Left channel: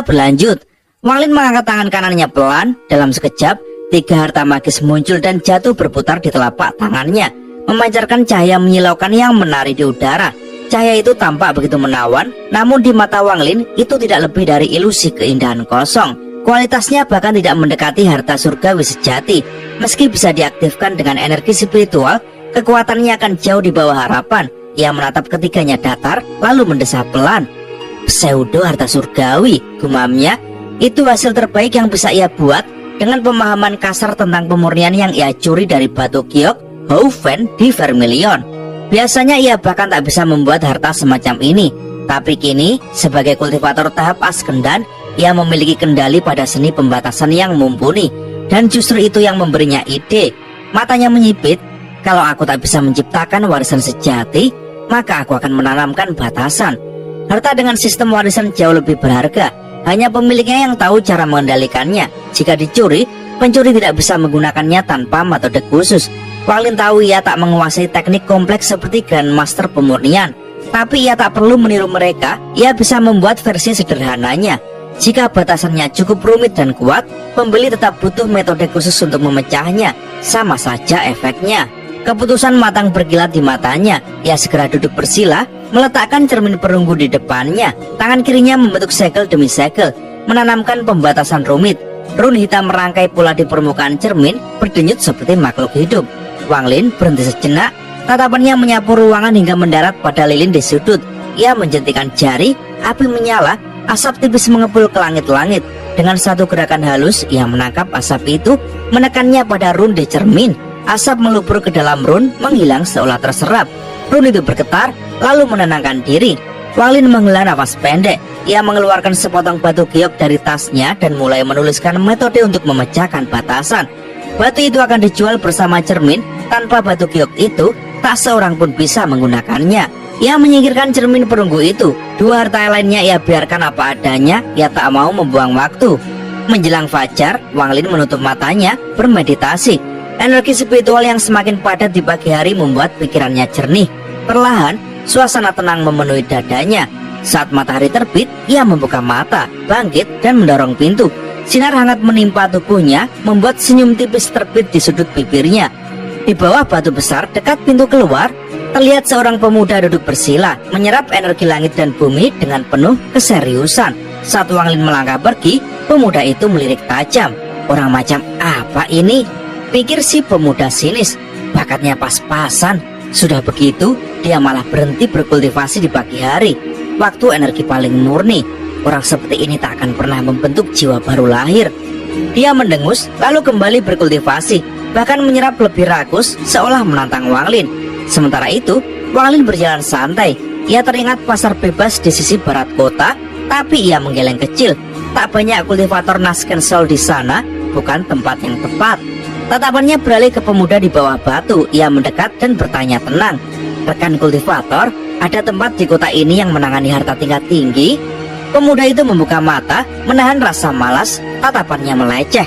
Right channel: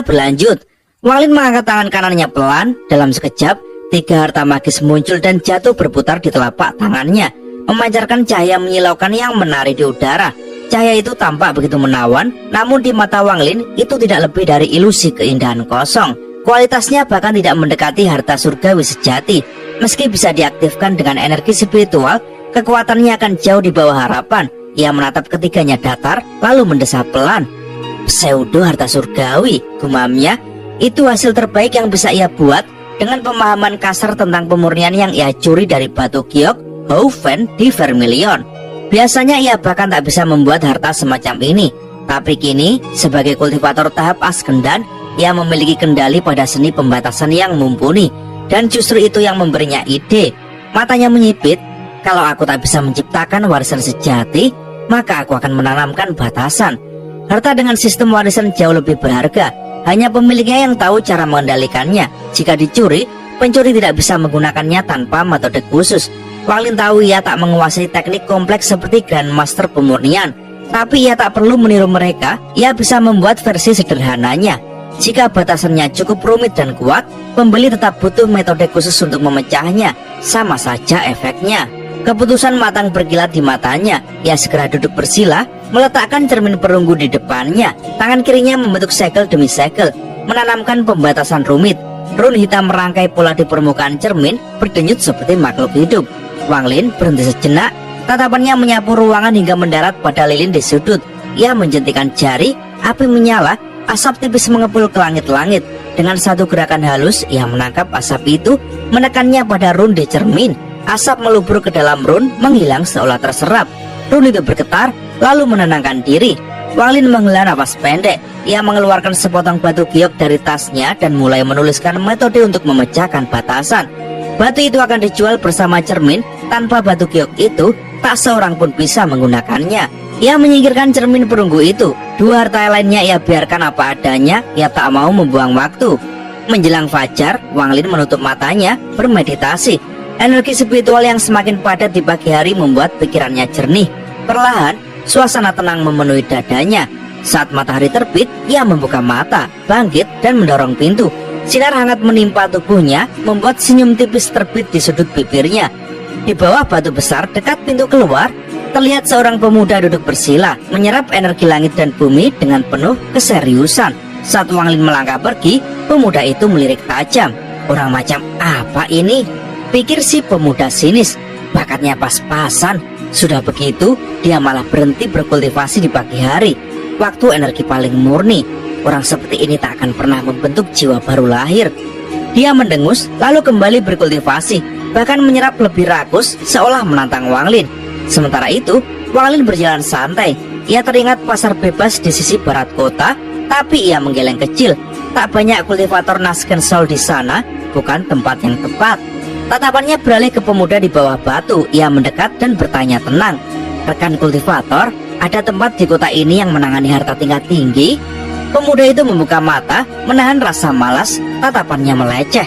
Cerita berlanjut. Wang Lin mengangkat tangan kanannya pelan. Dalam sekejap, 3 harta magis muncul dan jatuh berputar di telapak tangannya, memancarkan cahaya menyilaukan yang menari di udara. Cahaya itu tampak begitu menawan, namun di mata Wang Lin itu tidak lebih dari ilusi keindahan kosong. Kualitasnya bahkan tidak mendekati harta surgawi sejati. Meski bisa diaktifkan dengan energi spiritual, kekuatannya akan jauh di bawah harapan. Ia menatap ketiganya datar, lalu mendesah pelan. Pseudo harta surgawi, gumamnya. Itu hasil terbaik yang bisa ia buat dengan pemahaman kasar tentang pemurnian yang ia curi dari batu giok Houfen di Vermilion. Biasanya ia bahkan tak bisa membuat harta semacam ini, tapi kini sebagai kultivator tahap Askendan, ia memiliki kendali pada seni pembatasan yang mumpuni. Dan justru itu yang memberinya ide. Matanya menyipit, kalau aku tak bisa menciptakan warisan sejati, maka aku akan menanamkan batasan. Harta dengan sistem warisan jauh lebih berharga. Hanya pemiliknya yang tahu cara mengendalikannya. Jika dicuri, pencuri tidak bisa menggunakannya tanpa metode khusus. Wang Lin tahu ia tak menguasai teknik kompleks seperti Grandmaster pemurnian, tapi ia tak perlu meniru mereka. Ia bisa membuat versi sederhananya. Jika batasannya cukup rumit dan kuat, pembeli tetap butuh metode khusus untuk memecahnya. Sama saja efeknya. Keputusan matang berkilat di matanya. Ia segera duduk bersila, meletakkan cermin perunggu di depannya. Tangan kirinya membentuk segel demi segel, menanamkan pembatasan rumit. Run hitam merangkai pula di permukaan cermin, berdenyut seperti makhluk hidup. Wang Lin berhenti sejenak, tatapannya menyapu ruangan hingga mendarat pada lilin di sudut. Ia menjentikan jari, api menyala, asap tipis mengepul ke langit-langit. Dengan satu gerakan halus, ia menangkap asap itu, menekannya pada run di cermin. Asap melubur ke dalam run, menghilang seolah terserap. Run itu bergetar, lalu menenangkan diri. Wang Lin menghela nafas pendek. Ia mengeluarkan sepotong batu giok dari tasnya dan mulai menuliskan metode untuk memecahkan batasan. Batu itu akan dijual bersama cermin. Tanpa batu giok itu, tak seorang pun bisa menggunakannya. Ia menyingkirkan cermin perunggu itu. 2 harta lainnya ia biarkan apa adanya. Ia tak mau membuang waktu. Menjelang fajar, Wang Lin menutup matanya, bermeditasi. Energi spiritual yang semakin padat di pagi hari membuat pikirannya jernih. Perlahan, suasana tenang memenuhi dadanya. Saat matahari terbit, ia membuka mata, bangkit, dan mendorong pintu. Sinar hangat menimpa tubuhnya, membuat senyum tipis terbit di sudut bibirnya. Di bawah batu besar dekat pintu keluar, terlihat seorang pemuda duduk bersila, menyerap energi langit dan bumi dengan penuh keseriusan. Saat Wang Lin melangkah pergi, pemuda itu melirik tajam. Orang macam apa ini? Pikir si pemuda sinis. Bakatnya pas-pasan. Sudah begitu, dia malah berhenti berkultivasi di pagi hari, waktu energi paling murni. Orang seperti ini tak akan pernah membentuk jiwa baru lahir. Dia mendengus, lalu kembali berkultivasi, bahkan menyerap lebih rakus, seolah menantang Wang Lin. Sementara itu, Wang Lin berjalan santai. Ia teringat pasar bebas di sisi barat kota, tapi ia menggeleng kecil. Tak banyak kultivator Naskensol di sana, bukan tempat yang tepat. Tatapannya beralih ke pemuda di bawah batu. Ia mendekat dan bertanya tenang. Rekan kultivator, ada tempat di kota ini yang menangani harta tingkat tinggi? Pemuda itu membuka mata, menahan rasa malas. Tatapannya meleceh.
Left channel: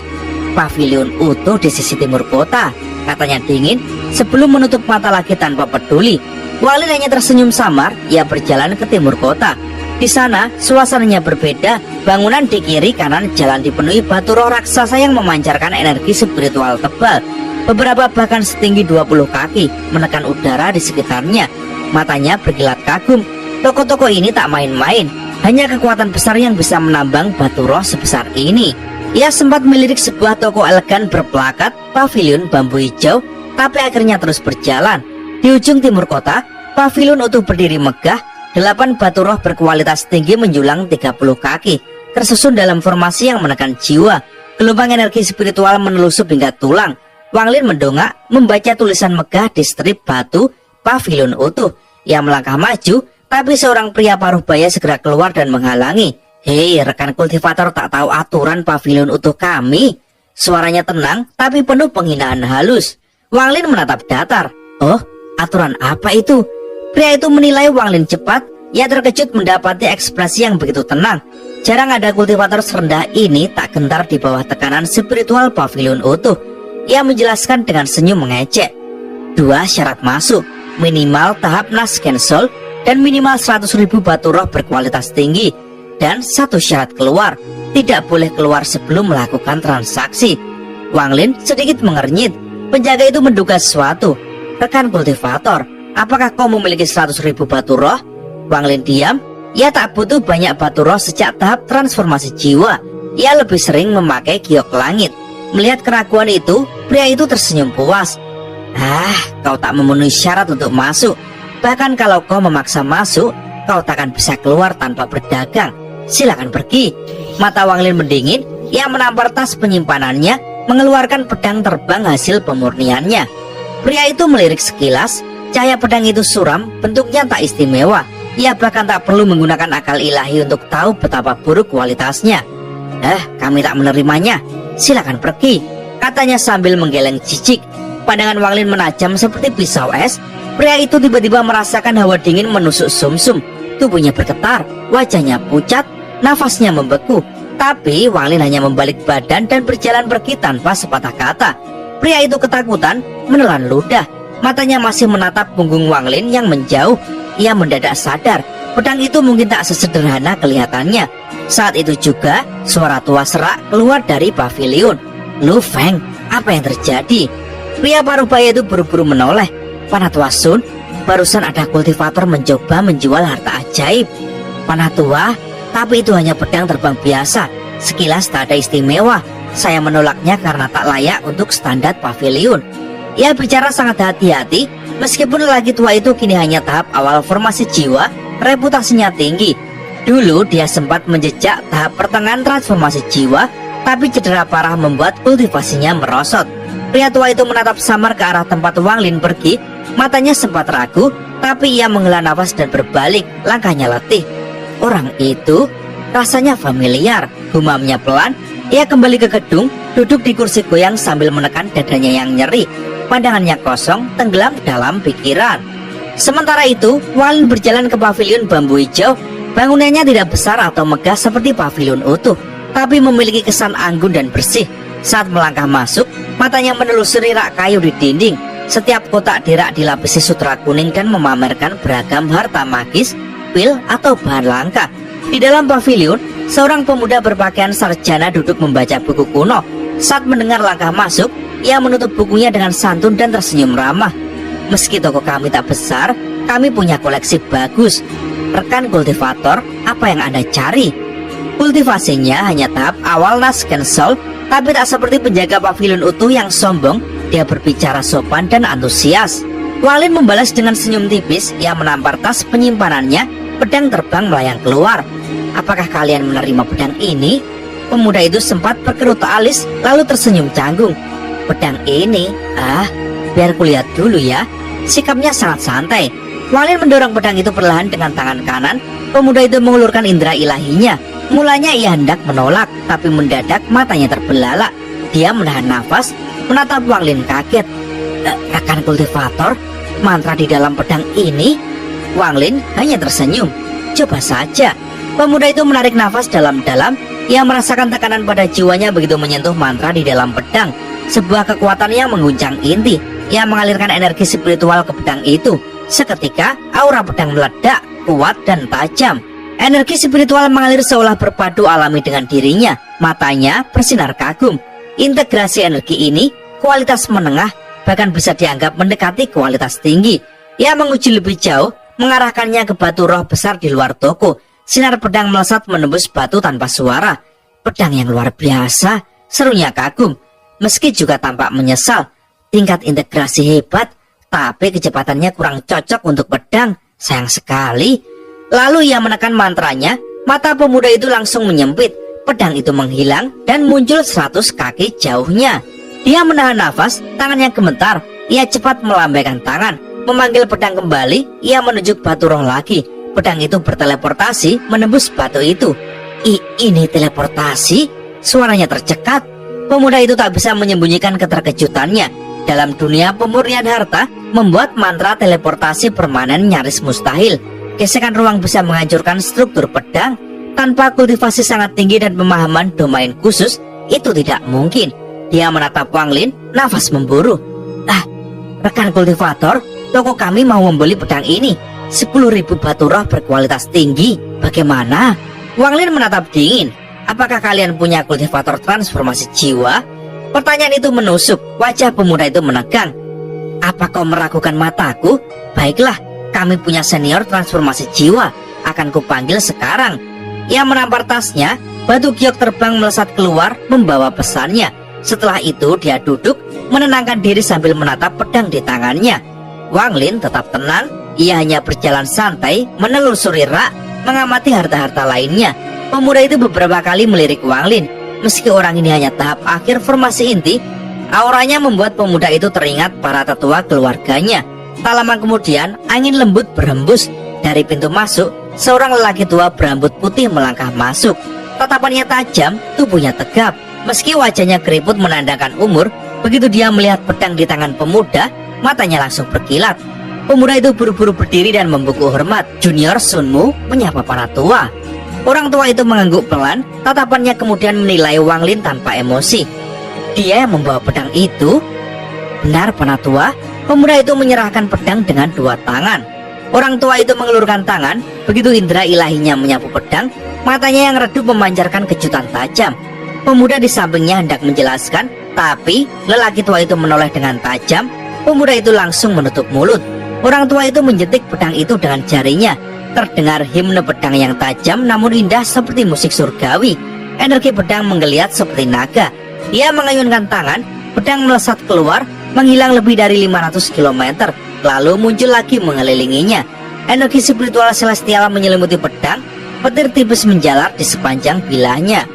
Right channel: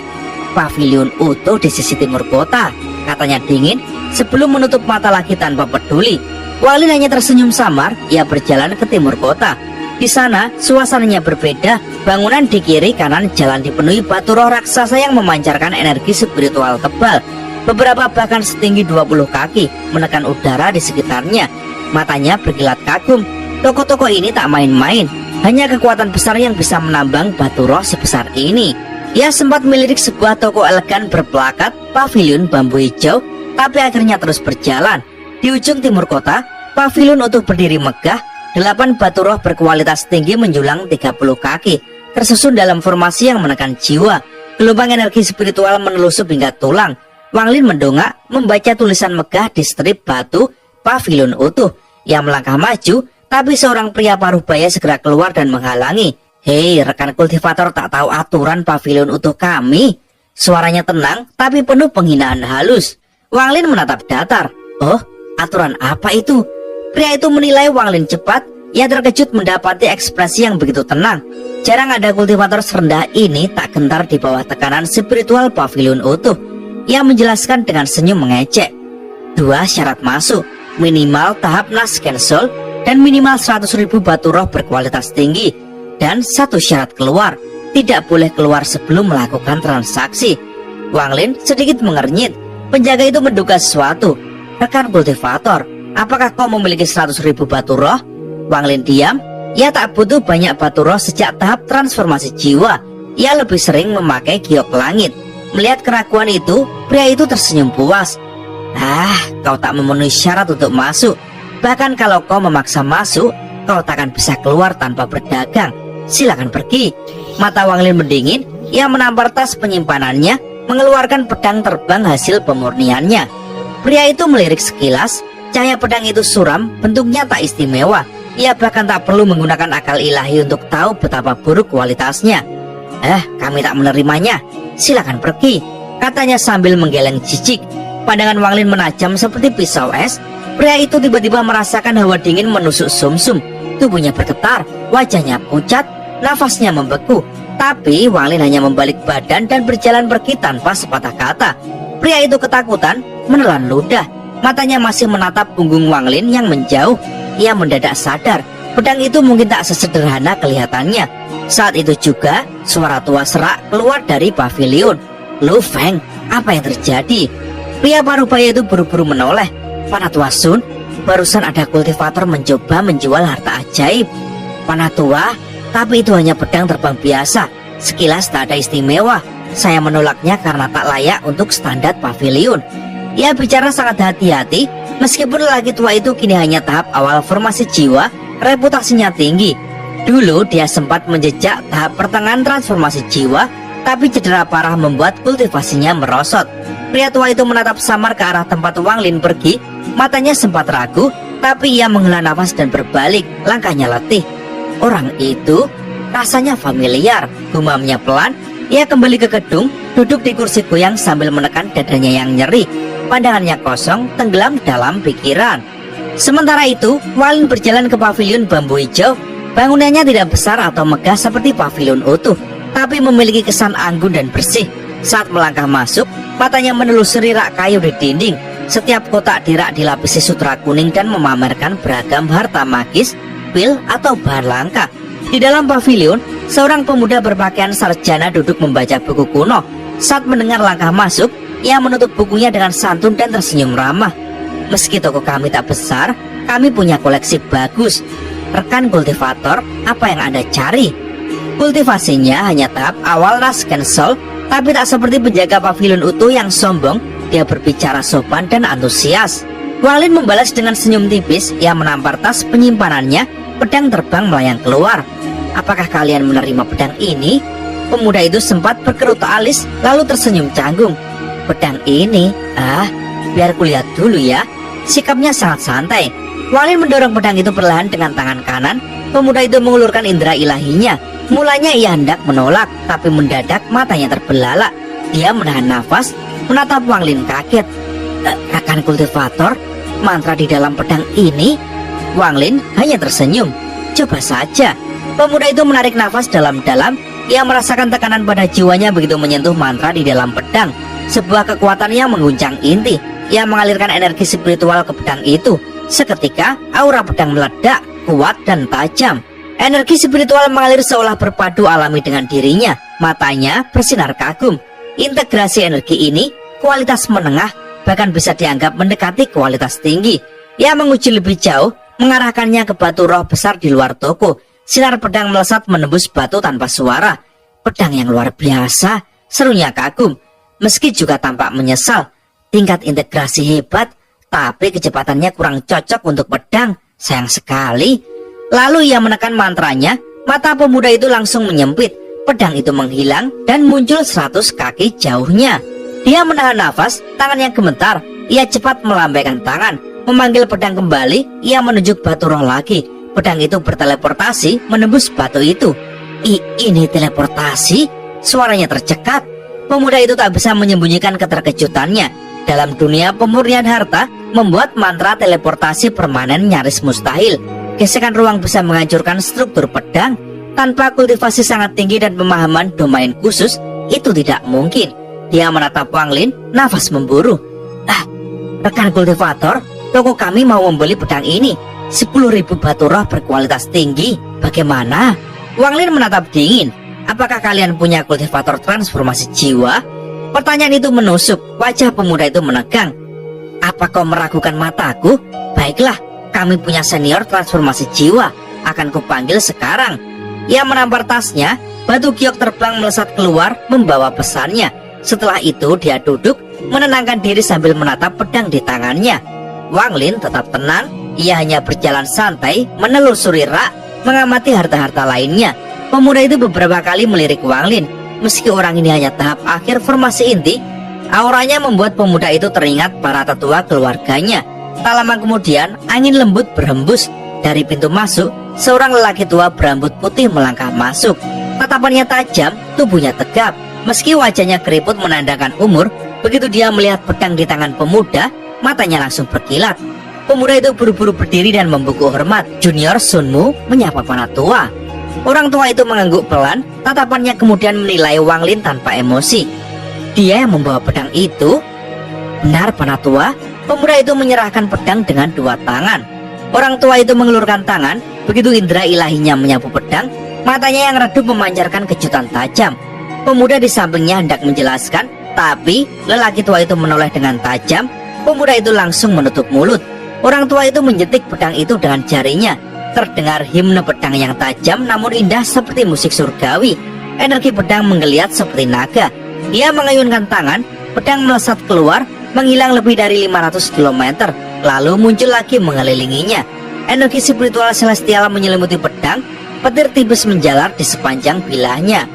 Pavilion utuh di sisi timur kota, katanya dingin sebelum menutup mata lagi tanpa peduli. Wang Lin hanya tersenyum samar. Ia berjalan ke timur kota. Di sana suasananya berbeda. Bangunan di kiri kanan jalan dipenuhi batu roh raksasa yang memancarkan energi spiritual tebal. Beberapa bahkan setinggi 20 kaki, menekan udara di sekitarnya. Matanya berkilat kagum. Toko-toko ini tak main-main. Hanya kekuatan besar yang bisa menambang batu roh sebesar ini. Ia sempat melirik sebuah toko elegan berplakat pavilion bambu hijau, tapi akhirnya terus berjalan. Di ujung timur kota, pavilion utuh berdiri megah. 8 batu roh berkualitas tinggi menjulang 30 kaki, tersusun dalam formasi yang menekan jiwa. Gelombang energi spiritual menelusup hingga tulang. Wang Lin mendongak, membaca tulisan megah di strip batu pavilion utuh. Ia melangkah maju, tapi seorang pria paruh baya segera keluar dan menghalangi. Hei, rekan kultivator tak tahu aturan pavilion utuh kami. Suaranya tenang, tapi penuh penghinaan halus. Wang Lin menatap datar. Oh, aturan apa itu? Pria itu menilai Wang Lin cepat. Ia terkejut mendapati ekspresi yang begitu tenang. Jarang ada kultivator serendah ini tak gentar di bawah tekanan spiritual pavilion utuh. Ia menjelaskan dengan senyum mengecek. 2 syarat masuk, minimal tahap Naskensol dan minimal 100.000 batu roh berkualitas tinggi. Dan satu syarat keluar, tidak boleh keluar sebelum melakukan transaksi. Wang Lin sedikit mengernyit. Penjaga itu menduga sesuatu. Rekan kultivator, apakah kau memiliki 100.000 batu roh? Wang Lin diam. Ia tak butuh banyak batu roh sejak tahap transformasi jiwa. Ia lebih sering memakai giok langit. Melihat keraguan itu, pria itu tersenyum puas. Kau tak memenuhi syarat untuk masuk. Bahkan kalau kau memaksa masuk, kau tak akan bisa keluar tanpa berdagang. Silakan pergi. Mata Wang Lin mendingin. Ia menampar tas penyimpanannya, mengeluarkan pedang terbang hasil pemurniannya. Pria itu melirik sekilas. Cahaya pedang itu suram, bentuknya tak istimewa. Ia bahkan tak perlu menggunakan akal ilahi untuk tahu betapa buruk kualitasnya. Kami tak menerimanya. Silakan pergi, katanya sambil menggeleng jijik. Pandangan Wang Lin menajam seperti pisau es. Pria itu tiba-tiba merasakan hawa dingin menusuk sumsum. Tubuhnya bergetar, wajahnya pucat, nafasnya membeku. Tapi Wang Lin hanya membalik badan dan berjalan pergi tanpa sepatah kata. Pria itu ketakutan, menelan ludah. Matanya masih menatap punggung Wang Lin yang menjauh. Ia mendadak sadar, pedang itu mungkin tak sesederhana kelihatannya. Saat itu juga, suara tua serak keluar dari pavilion. Lu Feng, apa yang terjadi? Pria parubaya itu buru-buru menoleh. Panatua Sun, barusan ada kultivator mencoba menjual harta ajaib. Panatua, tapi itu hanya pedang terbang biasa. Sekilas tak ada istimewa. Saya menolaknya karena tak layak untuk standar pavilion. Ia bicara sangat hati-hati. Meskipun lelaki tua itu kini hanya tahap awal formasi jiwa, reputasinya tinggi. Dulu dia sempat menjejak tahap pertengahan transformasi jiwa, tapi cedera parah membuat kultivasinya merosot. Pria tua itu menatap samar ke arah tempat Wang Lin pergi. Matanya sempat ragu, tapi ia menghela nafas dan berbalik. Langkahnya letih. Orang itu rasanya familiar. Gumamnya pelan. Ia kembali ke gedung, duduk di kursi goyang sambil menekan dadanya yang nyeri. Pandangannya kosong, tenggelam dalam pikiran. Sementara itu, Wang Lin berjalan ke pavilion bambu hijau. Bangunannya tidak besar atau megah seperti pavilion utuh, tapi memiliki kesan anggun dan bersih. Saat melangkah masuk, matanya menelusuri rak kayu di dinding. Setiap kotak di rak dilapisi sutra kuning dan memamerkan beragam harta magis, pil atau bahan langka. Di dalam pavilion, seorang pemuda berpakaian sarjana duduk membaca buku kuno. Saat mendengar langkah masuk, ia menutup bukunya dengan santun dan tersenyum ramah. Meski toko kami tak besar, kami punya koleksi bagus. Rekan kultivator, apa yang Anda cari? Kultivasinya hanya tahap awal Nas Cancel, tapi tak seperti penjaga pavilion utuh yang sombong. Dia berbicara sopan dan antusias. Wang Lin membalas dengan senyum tipis. Ia menampar tas penyimpanannya. Pedang terbang melayang keluar. Apakah kalian menerima pedang ini? Pemuda itu sempat berkerut alis, lalu tersenyum canggung. Pedang ini? Biar kulihat dulu ya. Sikapnya sangat santai. Wang Lin mendorong pedang itu perlahan dengan tangan kanan. Pemuda itu mengulurkan indera ilahinya. Mulanya ia hendak menolak, tapi mendadak matanya terbelalak. Dia menahan nafas, menatap Wang Lin kaget. Rekan kultivator, mantra di dalam pedang ini? Wang Lin hanya tersenyum. Coba saja. Pemuda itu menarik nafas dalam-dalam. Ia merasakan tekanan pada jiwanya begitu menyentuh mantra di dalam pedang. Sebuah kekuatan yang mengguncang inti. Ia mengalirkan energi spiritual ke pedang itu. Seketika, aura pedang meledak, kuat dan tajam. Energi spiritual mengalir seolah berpadu alami dengan dirinya. Matanya bersinar kagum. Integrasi energi ini, kualitas menengah, bahkan bisa dianggap mendekati kualitas tinggi. Ia menguji lebih jauh, mengarahkannya ke batu roh besar di luar toko. Sinar pedang melesat menembus batu tanpa suara. Pedang yang luar biasa, serunya kagum. Meski juga tampak menyesal. Tingkat integrasi hebat, tapi kecepatannya kurang cocok untuk pedang. Sayang sekali. Lalu ia menekan mantranya. Mata pemuda itu langsung menyempit. Pedang itu menghilang dan muncul 100 kaki jauhnya. Dia menahan nafas, tangannya gemetar. Ia cepat melambaikan tangan, memanggil pedang kembali. Ia menuju batu roh lagi. Pedang itu berteleportasi menembus batu itu. Ini teleportasi? Suaranya tercekat. Pemuda itu tak bisa menyembunyikan keterkejutannya. Dalam dunia pemurnian harta, membuat mantra teleportasi permanen nyaris mustahil. Gesekan ruang bisa menghancurkan struktur pedang. Tanpa kultivasi sangat tinggi dan pemahaman domain khusus, itu tidak mungkin. Dia menatap Wang Lin, nafas memburu. Rekan kultivator, toko kami mau membeli pedang ini. 10.000 batu roh berkualitas tinggi. Bagaimana? Wang Lin menatap dingin. Apakah kalian punya kultivator transformasi jiwa? Pertanyaan itu menusuk. Wajah pemuda itu menegang. Apa kau meragukan mataku? Baiklah, kami punya senior transformasi jiwa. Akan kupanggil sekarang. Ia menampar tasnya. Batu giok terbang melesat keluar membawa pesannya. Setelah itu dia duduk menenangkan diri sambil menatap pedang di tangannya. Wang Lin tetap tenang. Ia hanya berjalan santai menelusuri rak, mengamati harta-harta lainnya. Pemuda itu beberapa kali melirik Wang Lin. Meski orang ini hanya tahap akhir formasi inti, auranya membuat pemuda itu teringat para tetua keluarganya. Tak lama kemudian angin lembut berhembus. Dari pintu masuk, seorang lelaki tua berambut putih melangkah masuk. Tatapannya tajam, tubuhnya tegap. Meski wajahnya keriput menandakan umur, begitu dia melihat pedang di tangan pemuda, matanya langsung berkilat. Pemuda itu buru-buru berdiri dan membungkuk hormat. Junior Sunmu menyapa para tua. Orang tua itu mengangguk pelan, tatapannya kemudian menilai Wang Lin tanpa emosi. Dia yang membawa pedang itu? Benar, para tua. Pemuda itu menyerahkan pedang dengan dua tangan. Orang tua itu mengelurkan tangan, begitu indera ilahinya menyapu pedang, matanya yang redup memancarkan kejutan tajam. Pemuda di sampingnya hendak menjelaskan, tapi lelaki tua itu menoleh dengan tajam. Pemuda itu langsung menutup mulut. Orang tua itu menjetik pedang itu dengan jarinya. Terdengar himne pedang yang tajam namun indah seperti musik surgawi. Energi pedang menggeliat seperti naga. Ia mengayunkan tangan, pedang melesat keluar, menghilang lebih dari 500 km, lalu muncul lagi mengelilinginya. Energi spiritual celestial menyelimuti pedang, petir tipis menjalar di sepanjang bilahnya.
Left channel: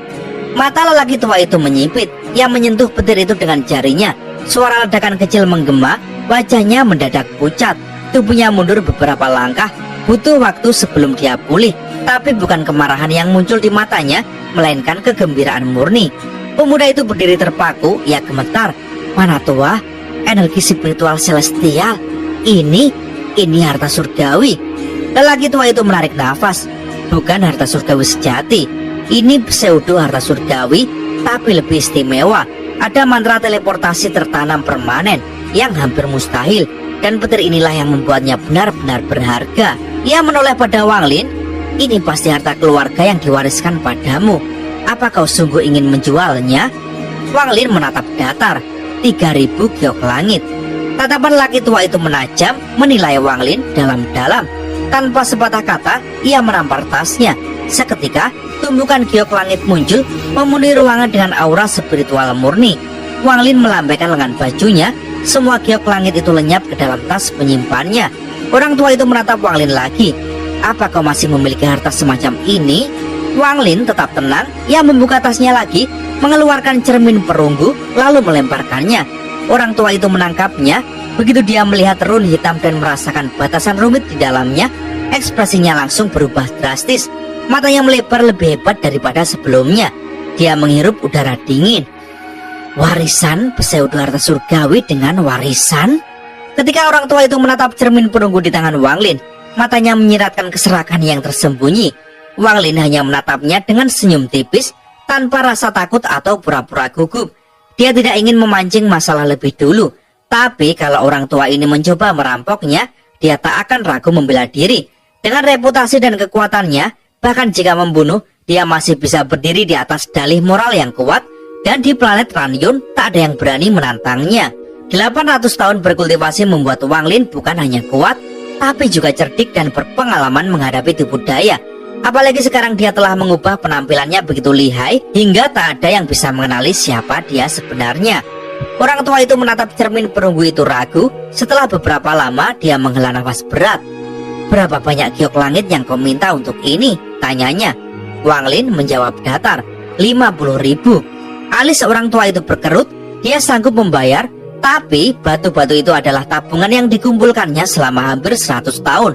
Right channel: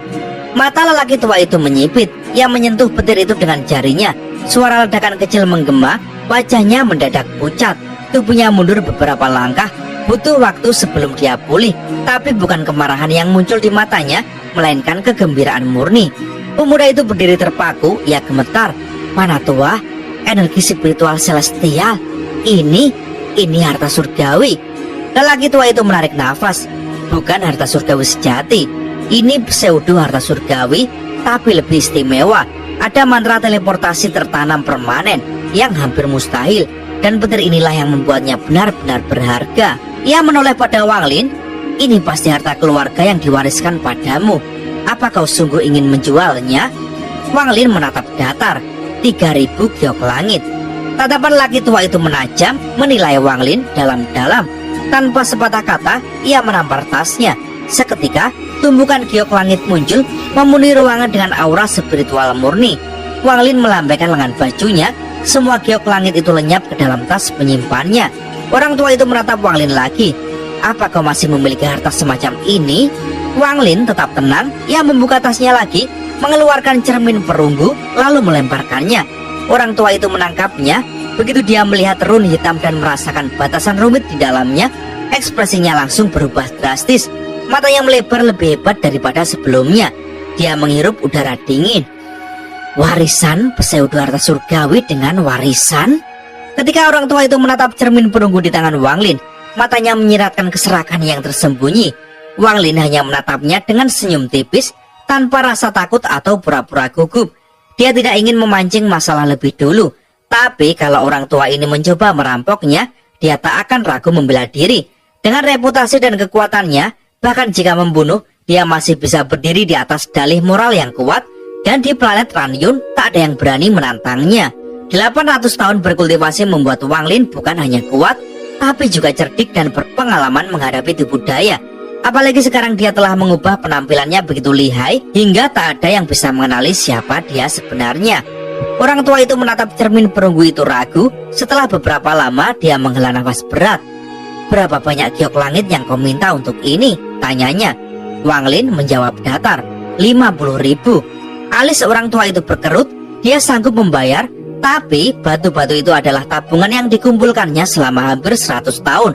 Mata lelaki tua itu menyipit. Ia menyentuh petir itu dengan jarinya. Suara ledakan kecil menggema, wajahnya mendadak pucat. Tubuhnya mundur beberapa langkah. Butuh waktu sebelum dia pulih. Tapi bukan kemarahan yang muncul di matanya, melainkan kegembiraan murni. Pemuda itu berdiri terpaku. Ia gemetar. Mana tua? Energi spiritual celestial. Ini harta surgawi. Lelaki tua itu menarik nafas. Bukan harta surgawi sejati. Ini pseudo harta surgawi, tapi lebih istimewa. Ada mantra teleportasi tertanam permanen yang hampir mustahil. Dan petir inilah yang membuatnya benar-benar berharga. Ia menoleh pada Wang Lin. Ini pasti harta keluarga yang diwariskan padamu. Apa kau sungguh ingin menjualnya? Wang Lin menatap datar. 3000 giok langit. Tatapan laki tua itu menajam, menilai Wang Lin dalam-dalam. Tanpa sepatah kata, ia menampar tasnya. Seketika, tumbukan giok langit muncul, memenuhi ruangan dengan aura spiritual murni. Wang Lin melambaikan lengan bajunya. Semua giok langit itu lenyap ke dalam tas penyimpannya. Orang tua itu menatap Wang Lin lagi. Apa kau masih memiliki harta semacam ini? Wang Lin tetap tenang. Ia membuka tasnya lagi, mengeluarkan cermin perunggu, lalu melemparkannya. Orang tua itu menangkapnya. Begitu dia melihat rune hitam dan merasakan batasan rumit di dalamnya, ekspresinya langsung berubah drastis. Matanya melebar lebih hebat daripada sebelumnya. Dia menghirup udara dingin. Warisan pseudo harta surgawi dengan warisan? Ketika orang tua itu menatap cermin perunggu di tangan Wang Lin, matanya menyiratkan keserakan yang tersembunyi. Wang Lin hanya menatapnya dengan senyum tipis, tanpa rasa takut atau pura-pura gugup. Dia tidak ingin memancing masalah lebih dulu. Tapi kalau orang tua ini mencoba merampoknya, dia tak akan ragu membela diri. Dengan reputasi dan kekuatannya, bahkan jika membunuh, dia masih bisa berdiri di atas dalih moral yang kuat. Dan di planet Ranyun tak ada yang berani menantangnya. 800 tahun berkultivasi membuat Wang Lin bukan hanya kuat, tapi juga cerdik dan berpengalaman menghadapi tipu daya. Apalagi sekarang dia telah mengubah penampilannya begitu lihai, hingga tak ada yang bisa mengenali siapa dia sebenarnya. Orang tua itu menatap cermin perunggu itu ragu. Setelah beberapa lama dia menghela nafas berat. Berapa banyak giok langit yang kau minta untuk ini? Tanyanya. Wang Lin menjawab datar. 50.000. Alis seorang tua itu berkerut. Dia sanggup membayar, tapi batu-batu itu adalah tabungan yang dikumpulkannya selama hampir 100 tahun.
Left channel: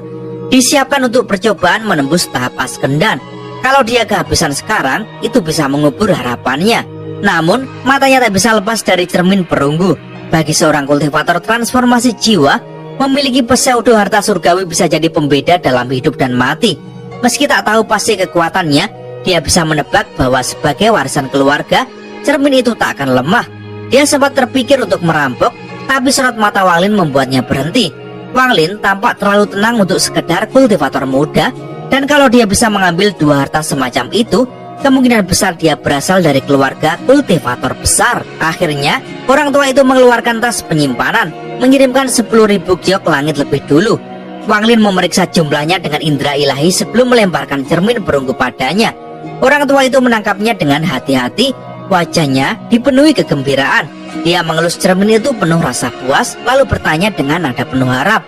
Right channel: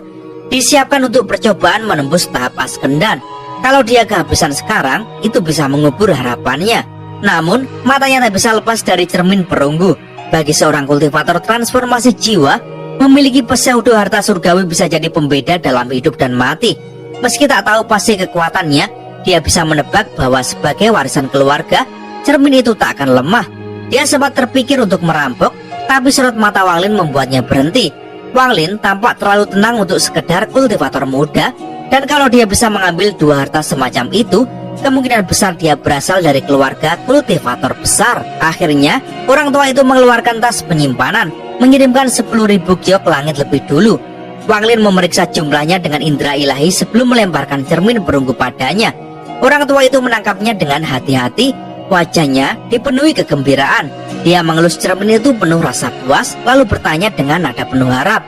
Disiapkan untuk percobaan menembus tahap Askendan. Kalau dia kehabisan sekarang, itu bisa mengubur harapannya. Namun, matanya tak bisa lepas dari cermin perunggu. Bagi seorang kultivator transformasi jiwa, memiliki pseudo harta surgawi bisa jadi pembeda dalam hidup dan mati. Meski tak tahu pasti kekuatannya, dia bisa menebak bahwa sebagai warisan keluarga, cermin itu tak akan lemah. Dia sempat terpikir untuk merampok, tapi sorot mata Wang Lin membuatnya berhenti. Wang Lin tampak terlalu tenang untuk sekedar kultivator muda, Dan kalau dia bisa mengambil dua harta semacam itu, kemungkinan besar dia berasal dari keluarga kultivator besar. Akhirnya, orang tua itu mengeluarkan tas penyimpanan, mengirimkan 10.000 giok langit lebih dulu. Wang Lin memeriksa jumlahnya dengan indera ilahi sebelum melemparkan cermin perunggu padanya. Orang tua itu menangkapnya dengan hati-hati, wajahnya dipenuhi kegembiraan. Dia mengelus cermin itu penuh rasa puas, lalu bertanya dengan nada penuh harap,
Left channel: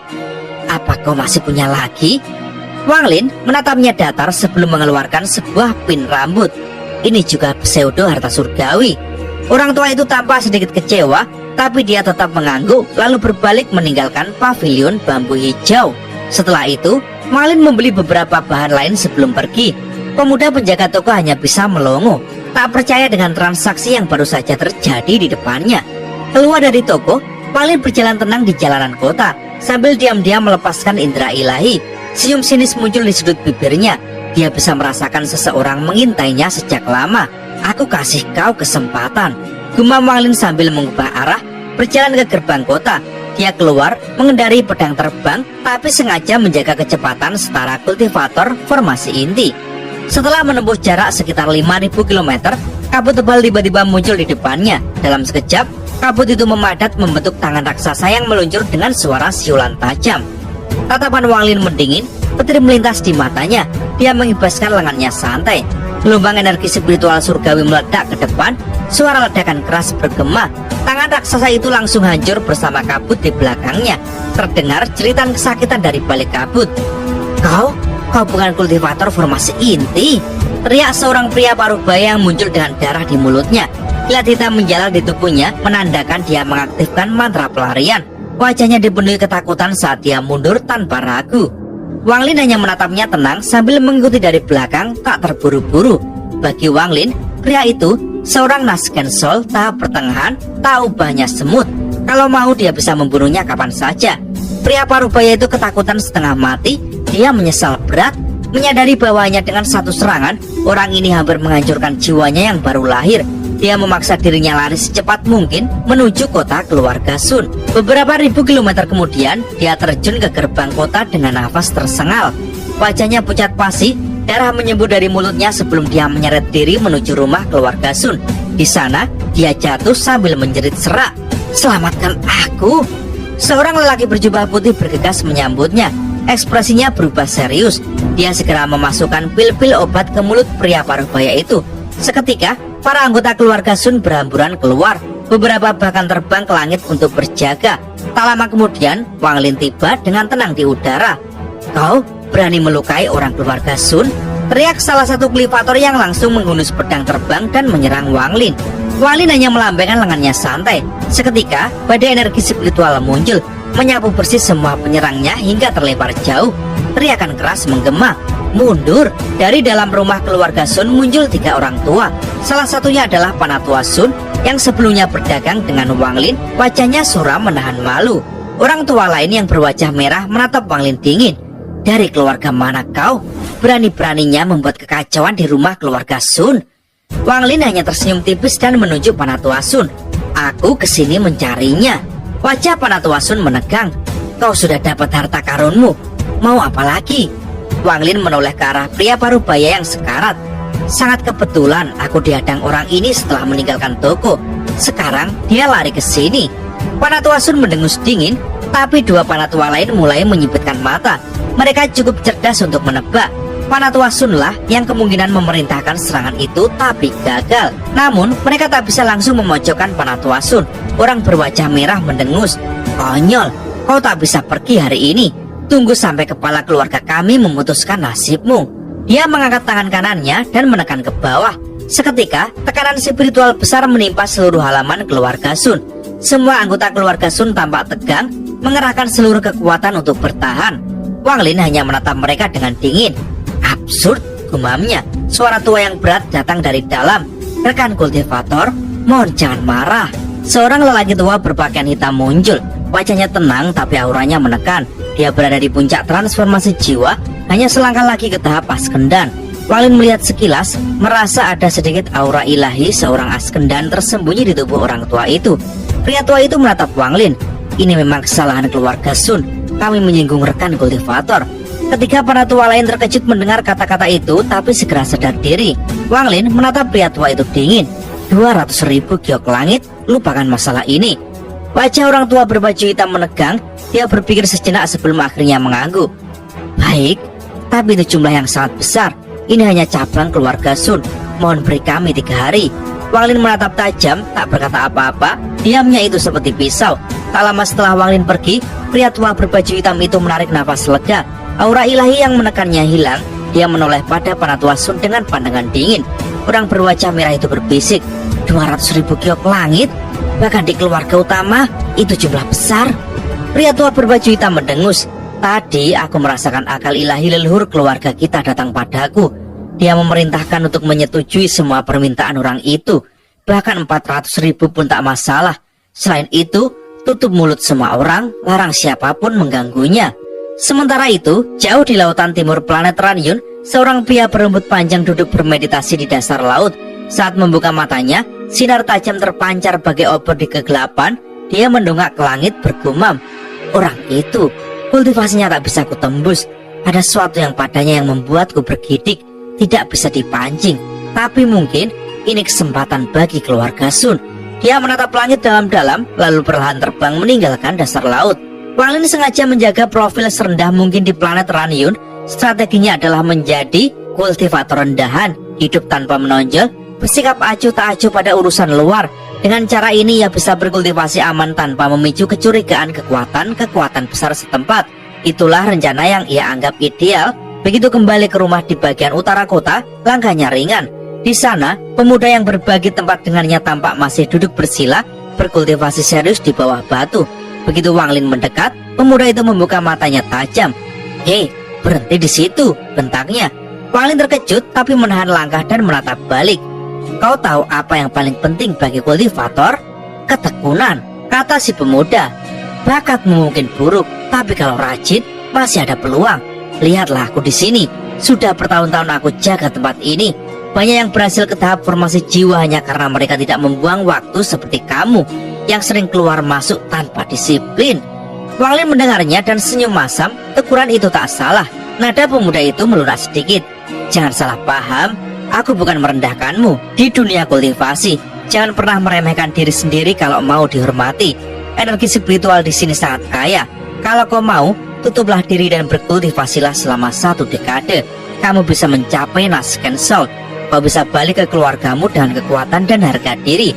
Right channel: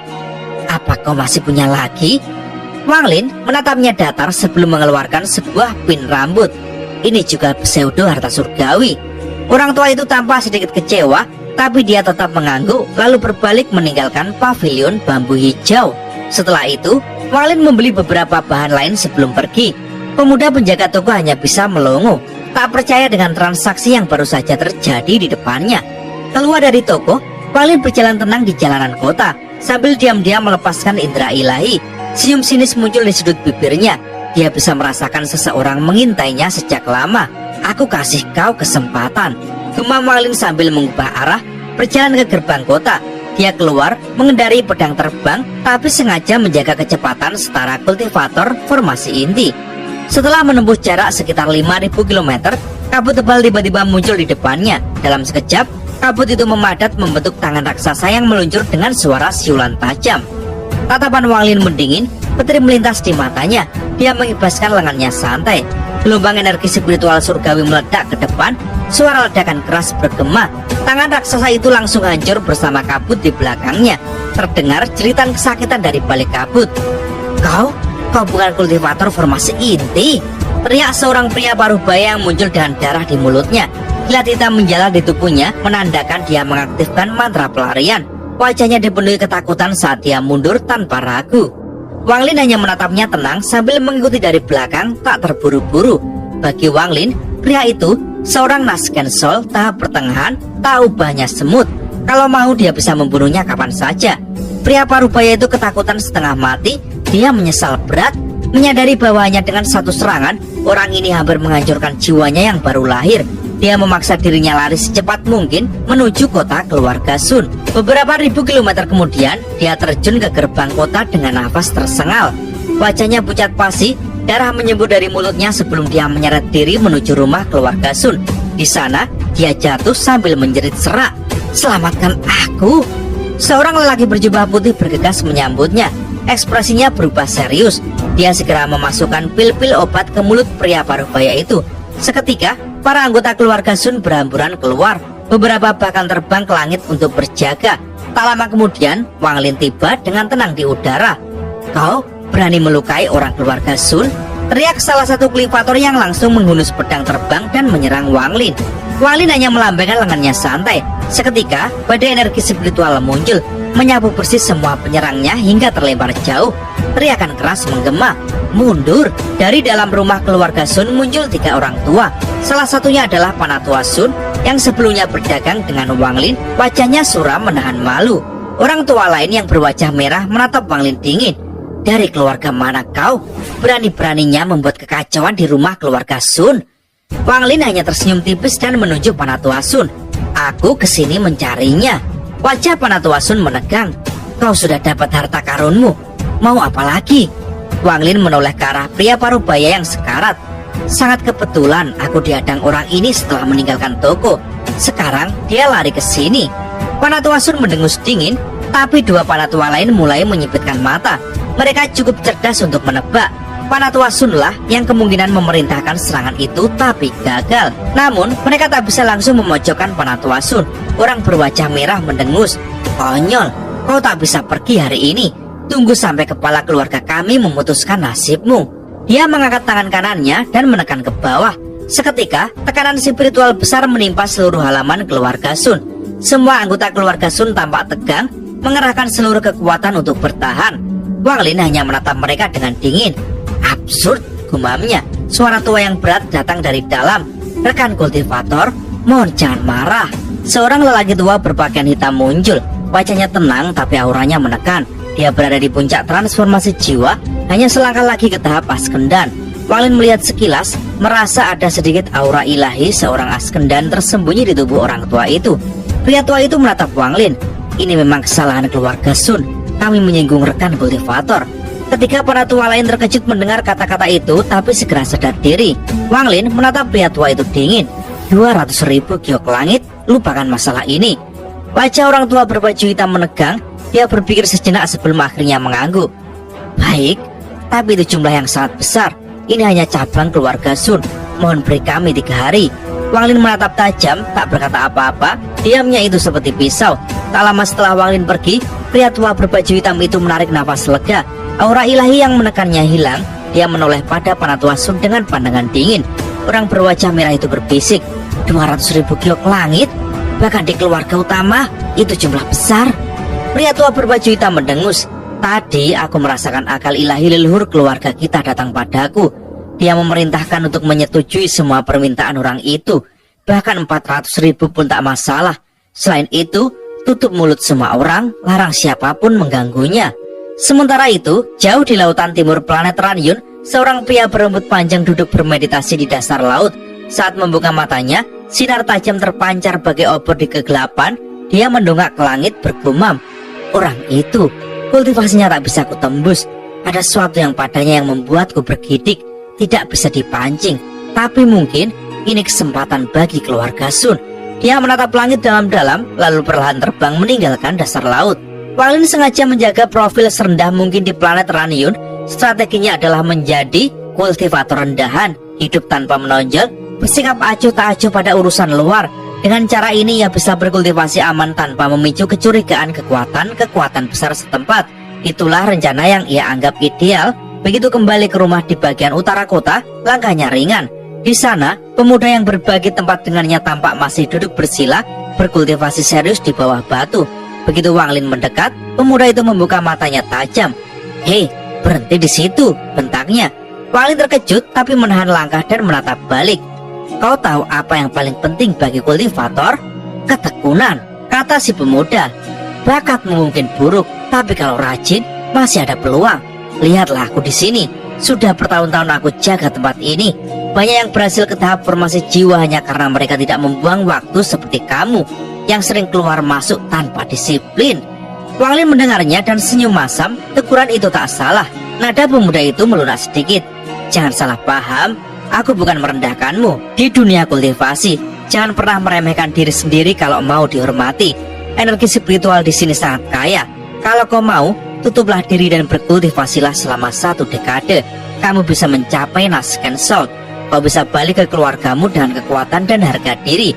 "Apa kau masih punya lagi?" Wang Lin menatapnya datar sebelum mengeluarkan sebuah pin rambut. Ini juga pseudo harta surgawi. Orang tua itu tampak sedikit kecewa, tapi dia tetap mengangguk lalu berbalik meninggalkan pavilion bambu hijau. Setelah itu, Wang Lin membeli beberapa bahan lain sebelum pergi. Pemuda penjaga toko hanya bisa melongo, tak percaya dengan transaksi yang baru saja terjadi di depannya. Keluar dari toko, Wang Lin berjalan tenang di jalanan kota sambil diam-diam melepaskan indera ilahi. Senyum sinis muncul di sudut bibirnya. Dia bisa merasakan seseorang mengintainya sejak lama. "Aku kasih kau kesempatan," gumam Wang Lin sambil mengubah arah, berjalan ke gerbang kota. Dia keluar mengendari pedang terbang, tapi sengaja menjaga kecepatan setara kultivator formasi inti. Setelah menempuh jarak sekitar 5.000 km, kabut tebal tiba-tiba muncul di depannya. Dalam sekejap, kabut itu memadat membentuk tangan raksasa yang meluncur dengan suara siulan tajam. Tatapan Wang Lin mendingin, petir melintas di matanya. Dia mengibaskan lengannya santai. Gelombang energi spiritual surgawi meledak ke depan. Suara ledakan keras bergema. Tangan raksasa itu langsung hancur bersama kabut di belakangnya. Terdengar jeritan kesakitan dari balik kabut. Kau bukan kultivator formasi inti," teriak seorang pria parubaya yang muncul dengan darah di mulutnya. Kilat hitam menjalar di tubuhnya, menandakan dia mengaktifkan mantra pelarian. Wajahnya dipenuhi ketakutan saat dia mundur tanpa ragu. Wang Lin hanya menatapnya tenang sambil mengikuti dari belakang, tak terburu-buru. Bagi Wang Lin, pria itu seorang Nasken Soul tahap pertengahan, tak ubahnya semut. Kalau mau dia bisa membunuhnya kapan saja. Pria parubaya itu ketakutan setengah mati. Dia menyesal berat, menyadari bahwanya dengan satu serangan, orang ini hampir menghancurkan jiwanya yang baru lahir. Dia memaksa dirinya lari secepat mungkin menuju kota keluarga Sun. Beberapa ribu kilometer kemudian, dia terjun ke gerbang kota dengan nafas tersengal. Wajahnya pucat pasi, darah menyembur dari mulutnya sebelum dia menyeret diri menuju rumah keluarga Sun. Di sana, dia jatuh sambil menjerit serak, "Selamatkan aku!" Seorang lelaki berjubah putih bergegas menyambutnya. Ekspresinya berubah serius. Dia segera memasukkan pil-pil obat ke mulut pria parubaya itu. Seketika, para anggota keluarga Sun berhamburan keluar. Beberapa bahkan terbang ke langit untuk berjaga. Tak lama kemudian, Wang Lin tiba dengan tenang di udara. "Kau berani melukai orang keluarga Sun?" teriak salah satu kultivator yang langsung menghunus pedang terbang dan menyerang Wang Lin. Wang Lin hanya melambaikan lengannya santai. Seketika, badai energi spiritual muncul, menyapu bersih semua penyerangnya hingga terlempar jauh. Teriakan keras menggema. Mundur. Dari dalam rumah keluarga Sun muncul 3 orang tua. Salah satunya adalah Panatua Sun yang sebelumnya berdagang dengan Wang Lin. Wajahnya suram menahan malu. Orang tua lain yang berwajah merah menatap Wang Lin dingin. "Dari keluarga mana kau? Berani-beraninya membuat kekacauan di rumah keluarga Sun?" Wang Lin hanya tersenyum tipis dan menunjuk Panatua Sun. "Aku kesini mencarinya." Wajah Panatua Sun menegang. "Kau sudah dapat harta karunmu. Mau apa lagi?" Wang Lin menoleh ke arah pria parubaya yang sekarat. "Sangat kebetulan aku dihadang orang ini setelah meninggalkan toko. Sekarang dia lari ke sini." Panatua Sun mendengus dingin, tapi 2 panatua lain mulai menyipitkan mata. Mereka cukup cerdas untuk menebak. Panatua Sun lah yang kemungkinan memerintahkan serangan itu, tapi gagal. Namun mereka tak bisa langsung memojokkan Panatua Sun. Orang berwajah merah mendengus. "Konyol, kau tak bisa pergi hari ini. Tunggu sampai kepala keluarga kami memutuskan nasibmu." Dia mengangkat tangan kanannya dan menekan ke bawah. Seketika, tekanan spiritual besar menimpa seluruh halaman keluarga Sun. Semua anggota keluarga Sun tampak tegang, mengerahkan seluruh kekuatan untuk bertahan. Wang Lin hanya menatap mereka dengan dingin. "Absurd," gumamnya. Suara tua yang berat datang dari dalam. "Rekan kultivator, mohon jangan marah." Seorang lelaki tua berpakaian hitam muncul. Wajahnya tenang tapi auranya menekan. Dia berada di puncak transformasi jiwa, hanya selangkah lagi ke tahap Askendan. Wang Lin melihat sekilas, merasa ada sedikit aura ilahi seorang Askendan tersembunyi di tubuh orang tua itu. Pria tua itu menatap Wang Lin. "Ini memang kesalahan keluarga Sun. Kami menyinggung rekan kultivator." Ketika para tua lain terkejut mendengar kata-kata itu, tapi segera sadar diri. Wang Lin menatap pria tua itu dingin. 200.000 giok langit, lupakan masalah ini. Wajah orang tua berbaju hitam menegang. Dia berpikir sejenak sebelum akhirnya mengangguk. Baik, tapi itu jumlah yang sangat besar. Ini hanya cabang keluarga Sun. Mohon beri kami 3 hari. Wang Lin menatap tajam, tak berkata apa-apa. Diamnya itu seperti pisau. Tak lama setelah Wang Lin pergi, pria tua berbaju hitam itu menarik nafas lega. Aura ilahi yang menekannya hilang. Dia menoleh pada Penatua Sun dengan pandangan dingin. Orang berwajah merah itu berbisik, 200.000 giok langit? Bahkan di keluarga utama, itu jumlah besar. Pria tua berbaju hitam mendengus. Tadi aku merasakan akal ilahi leluhur keluarga kita datang padaku. Dia memerintahkan untuk menyetujui semua permintaan orang itu. Bahkan 400.000 pun tak masalah. Selain itu, tutup mulut semua orang, larang siapapun mengganggunya. Sementara itu, jauh di lautan timur planet Ranyun, seorang pria berambut panjang duduk bermeditasi di dasar laut. Saat membuka matanya, sinar tajam terpancar bagai obor di kegelapan. Dia mendongak ke langit bergumam. Orang itu, kultivasinya tak bisa kutembus. Ada sesuatu yang padanya yang membuatku bergidik. Tidak bisa dipancing. Tapi mungkin ini kesempatan bagi keluarga Sun. Dia menatap langit dalam-dalam, lalu perlahan terbang meninggalkan dasar laut. Wang Lin sengaja menjaga profil serendah mungkin di planet Ranyun. Strateginya adalah menjadi kultivator rendahan, hidup tanpa menonjol, bersikap acuh tak acuh pada urusan luar. Dengan cara ini ia bisa berkultivasi aman tanpa memicu kecurigaan kekuatan besar setempat. Itulah rencana yang ia anggap ideal. Begitu kembali ke rumah di bagian utara kota, langkahnya ringan. Di sana, pemuda yang berbagi tempat dengannya tampak masih duduk bersila, berkultivasi serius di bawah batu. Begitu Wang Lin mendekat, pemuda itu membuka matanya tajam. Hei, berhenti di situ, bentaknya. Wang Lin terkejut tapi menahan langkah dan menatap balik. Kau tahu apa yang paling penting bagi kultivator? Ketekunan, kata si pemuda. Bakatmu mungkin buruk, tapi kalau rajin, masih ada peluang. Lihatlah aku di sini. Sudah bertahun-tahun aku jaga tempat ini. Banyak yang berhasil ke tahap formasi jiwa hanya karena mereka tidak membuang waktu seperti kamu yang sering keluar masuk tanpa disiplin. Wang Lin mendengarnya dan senyum masam. Teguran itu tak salah. Nada pemuda itu melunak sedikit. Jangan salah paham, aku bukan merendahkanmu. Di dunia kultivasi, jangan pernah meremehkan diri sendiri kalau mau dihormati. Energi spiritual di sini sangat kaya. Kalau kau mau, tutuplah diri dan berkultivasilah selama 1 dekade. Kamu bisa mencapai Nasken Soul. Kau bisa balik ke keluargamu dengan kekuatan dan harga diri.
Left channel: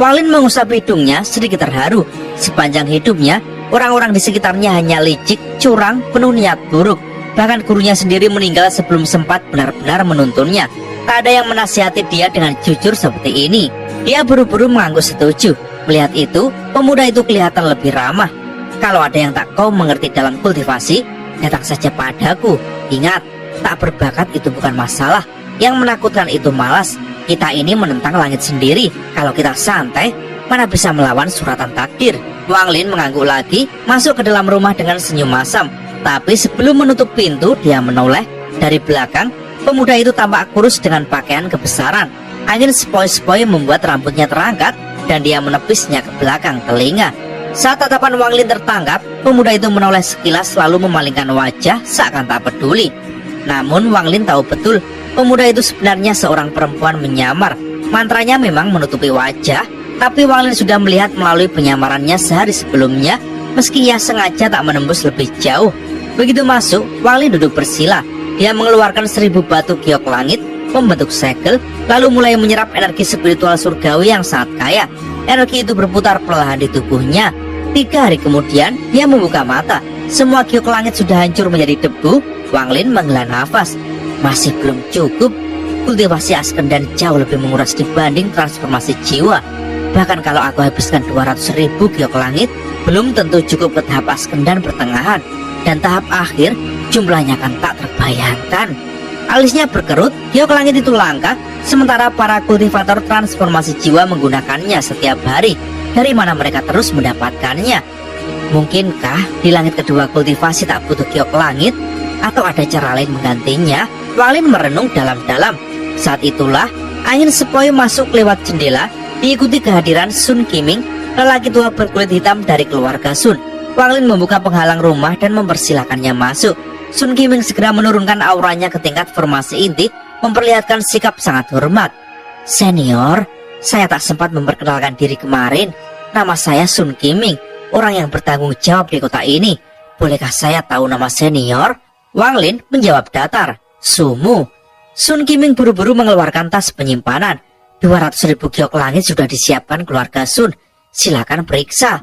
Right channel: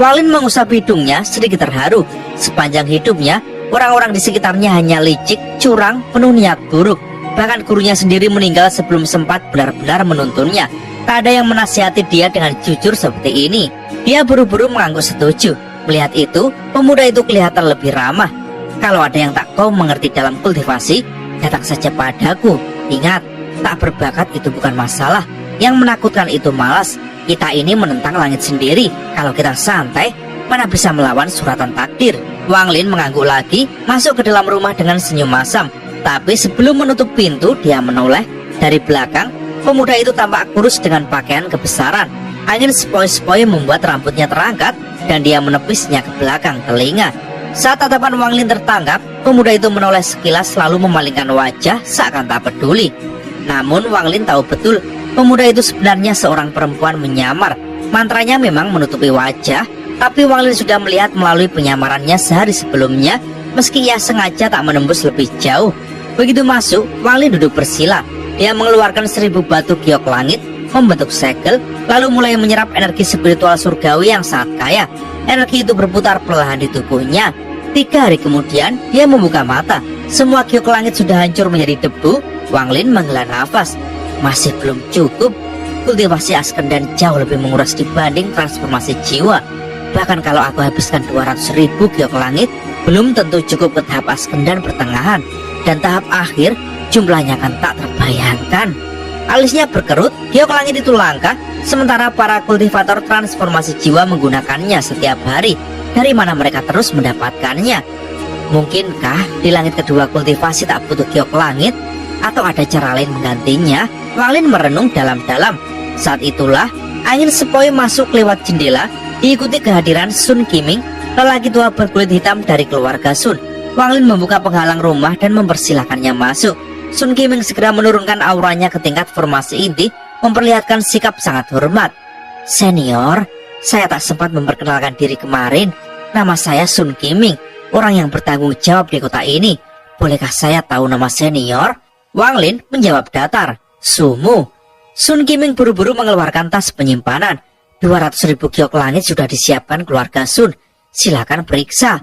Wang Lin mengusap hidungnya sedikit terharu. Sepanjang hidupnya, orang-orang di sekitarnya hanya licik, curang, penuh niat buruk. Bahkan gurunya sendiri meninggal sebelum sempat benar-benar menuntunnya. Tak ada yang menasihati dia dengan jujur seperti ini. Dia buru-buru mengangguk setuju. Melihat itu, pemuda itu kelihatan lebih ramah. Kalau ada yang tak kau mengerti dalam kultivasi, datang saja padaku. Ingat, tak berbakat itu bukan masalah. Yang menakutkan itu malas. Kita ini menentang langit sendiri. Kalau kita santai, mana bisa melawan suratan takdir. Wang Lin mengangguk lagi, masuk ke dalam rumah dengan senyum masam. Tapi sebelum menutup pintu, dia menoleh. Dari belakang, pemuda itu tampak kurus dengan pakaian kebesaran. Angin sepoi-sepoi membuat rambutnya terangkat, dan dia menepisnya ke belakang telinga. Saat tatapan Wang Lin tertangkap, pemuda itu menoleh sekilas lalu memalingkan wajah seakan tak peduli. Namun Wang Lin tahu betul, pemuda itu sebenarnya seorang perempuan menyamar. Mantranya memang menutupi wajah, tapi Wang Lin sudah melihat melalui penyamarannya sehari sebelumnya, meski ia sengaja tak menembus lebih jauh. Begitu masuk, Wang Lin duduk bersila. Dia mengeluarkan 1000 batu giok langit, membentuk segel, lalu mulai menyerap energi spiritual surgawi yang sangat kaya. Energi itu berputar perlahan di tubuhnya. 3 hari kemudian, dia membuka mata. Semua giok langit sudah hancur menjadi debu. Wang Lin menghela nafas. Masih belum cukup. Kultivasi Askendan jauh lebih menguras dibanding transformasi jiwa. Bahkan kalau aku habiskan 200.000 giok langit, belum tentu cukup ke tahap Askendan pertengahan. Dan tahap akhir, jumlahnya akan tak terbayangkan. Alisnya berkerut, giok langit itu langka, sementara para kultivator transformasi jiwa menggunakannya setiap hari. Dari mana mereka terus mendapatkannya? Mungkinkah di langit kedua kultivasi tak butuh giok langit? Atau ada cara lain menggantinya? Wang Lin merenung dalam-dalam. Saat itulah angin sepoi masuk lewat jendela, diikuti kehadiran Sun Qiming, lelaki tua berkulit hitam dari keluarga Sun. Wang Lin membuka penghalang rumah dan mempersilahkannya masuk. Sun Kiming segera menurunkan auranya ke tingkat formasi inti, memperlihatkan sikap sangat hormat. Senior, saya tak sempat memperkenalkan diri kemarin. Nama saya Sun Kiming, orang yang bertanggung jawab di kota ini. Bolehkah saya tahu nama senior? Wang Lin menjawab datar, Sumu. Sun Kiming buru-buru mengeluarkan tas penyimpanan. 200.000 giok langit sudah disiapkan keluarga Sun. Silakan periksa.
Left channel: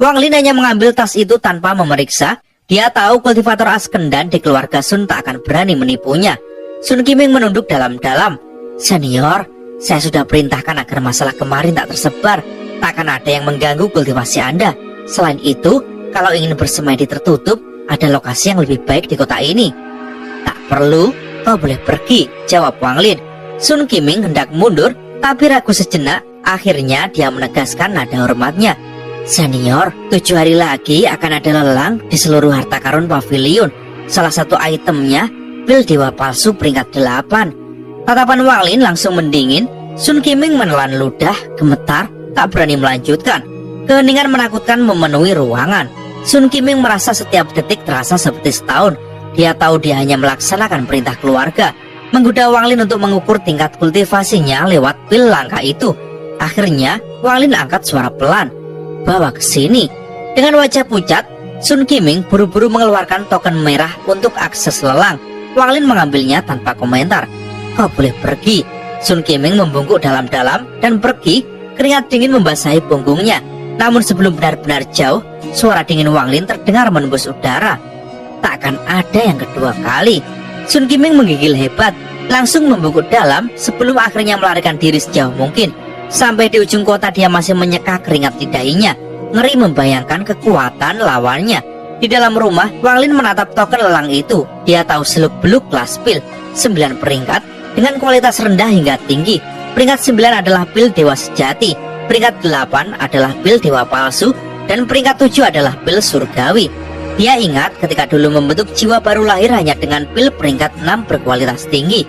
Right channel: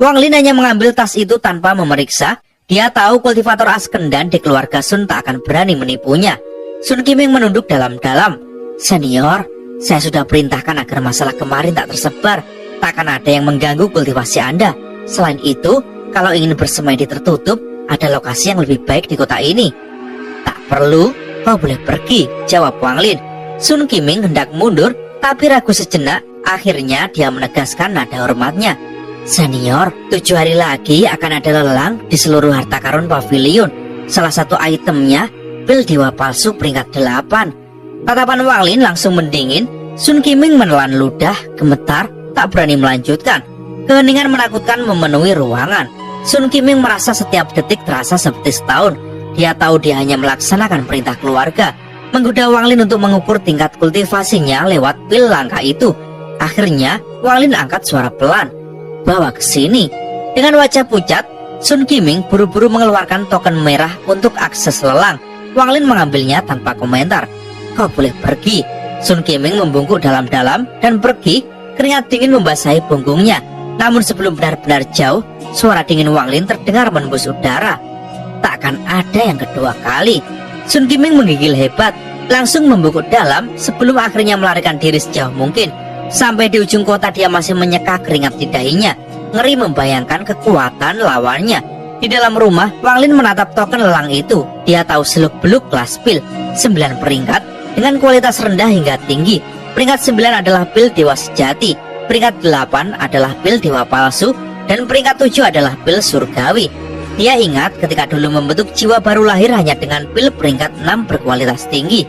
Wang Lin hanya mengambil tas itu tanpa memeriksa. Dia tahu kultivator Askendan di keluarga Sun tak akan berani menipunya. Sun Kiming menunduk dalam-dalam. Senior, saya sudah perintahkan agar masalah kemarin tak tersebar. Takkan ada yang mengganggu kultivasi Anda. Selain itu, kalau ingin bersemedi tertutup, ada lokasi yang lebih baik di kota ini. Tak perlu, kau boleh pergi, jawab Wang Lin. Sun Kiming hendak mundur, tapi ragu sejenak. Akhirnya dia menegaskan nada hormatnya. Senior, 7 hari lagi akan ada lelang di seluruh harta karun pavilion. Salah satu itemnya, pil dewa palsu peringkat 8. Tatapan Wang Lin langsung mendingin. Sun Kiming menelan ludah, gemetar, tak berani melanjutkan. Keheningan menakutkan memenuhi ruangan. Sun Kiming merasa setiap detik terasa seperti setahun. Dia tahu dia hanya melaksanakan perintah keluarga, menggoda Wang Lin untuk mengukur tingkat kultivasinya lewat pil langka itu. Akhirnya Wang Lin angkat suara pelan. Bawa ke sini. Dengan wajah pucat, Sun Kiming buru-buru mengeluarkan token merah untuk akses lelang. Wang Lin mengambilnya tanpa komentar. Kau boleh pergi. Sun Kiming membungkuk dalam-dalam dan pergi. Keringat dingin membasahi punggungnya. Namun sebelum benar-benar jauh, suara dingin Wang Lin terdengar menembus udara. Tak akan ada yang kedua kali. Sun Kiming menggigil hebat, langsung membungkuk dalam sebelum akhirnya melarikan diri sejauh mungkin. Sampai di ujung kota dia masih menyeka keringat di dahinya. Ngeri membayangkan kekuatan lawannya. Di dalam rumah, Wang Lin menatap token lelang itu. Dia tahu seluk-beluk kelas pil. 9 peringkat dengan kualitas rendah hingga tinggi. Peringkat 9 adalah pil dewa sejati. Peringkat 8 adalah pil dewa palsu. Dan peringkat 7 adalah pil surgawi. Dia ingat ketika dulu membentuk jiwa baru lahir hanya dengan pil peringkat 6 berkualitas tinggi.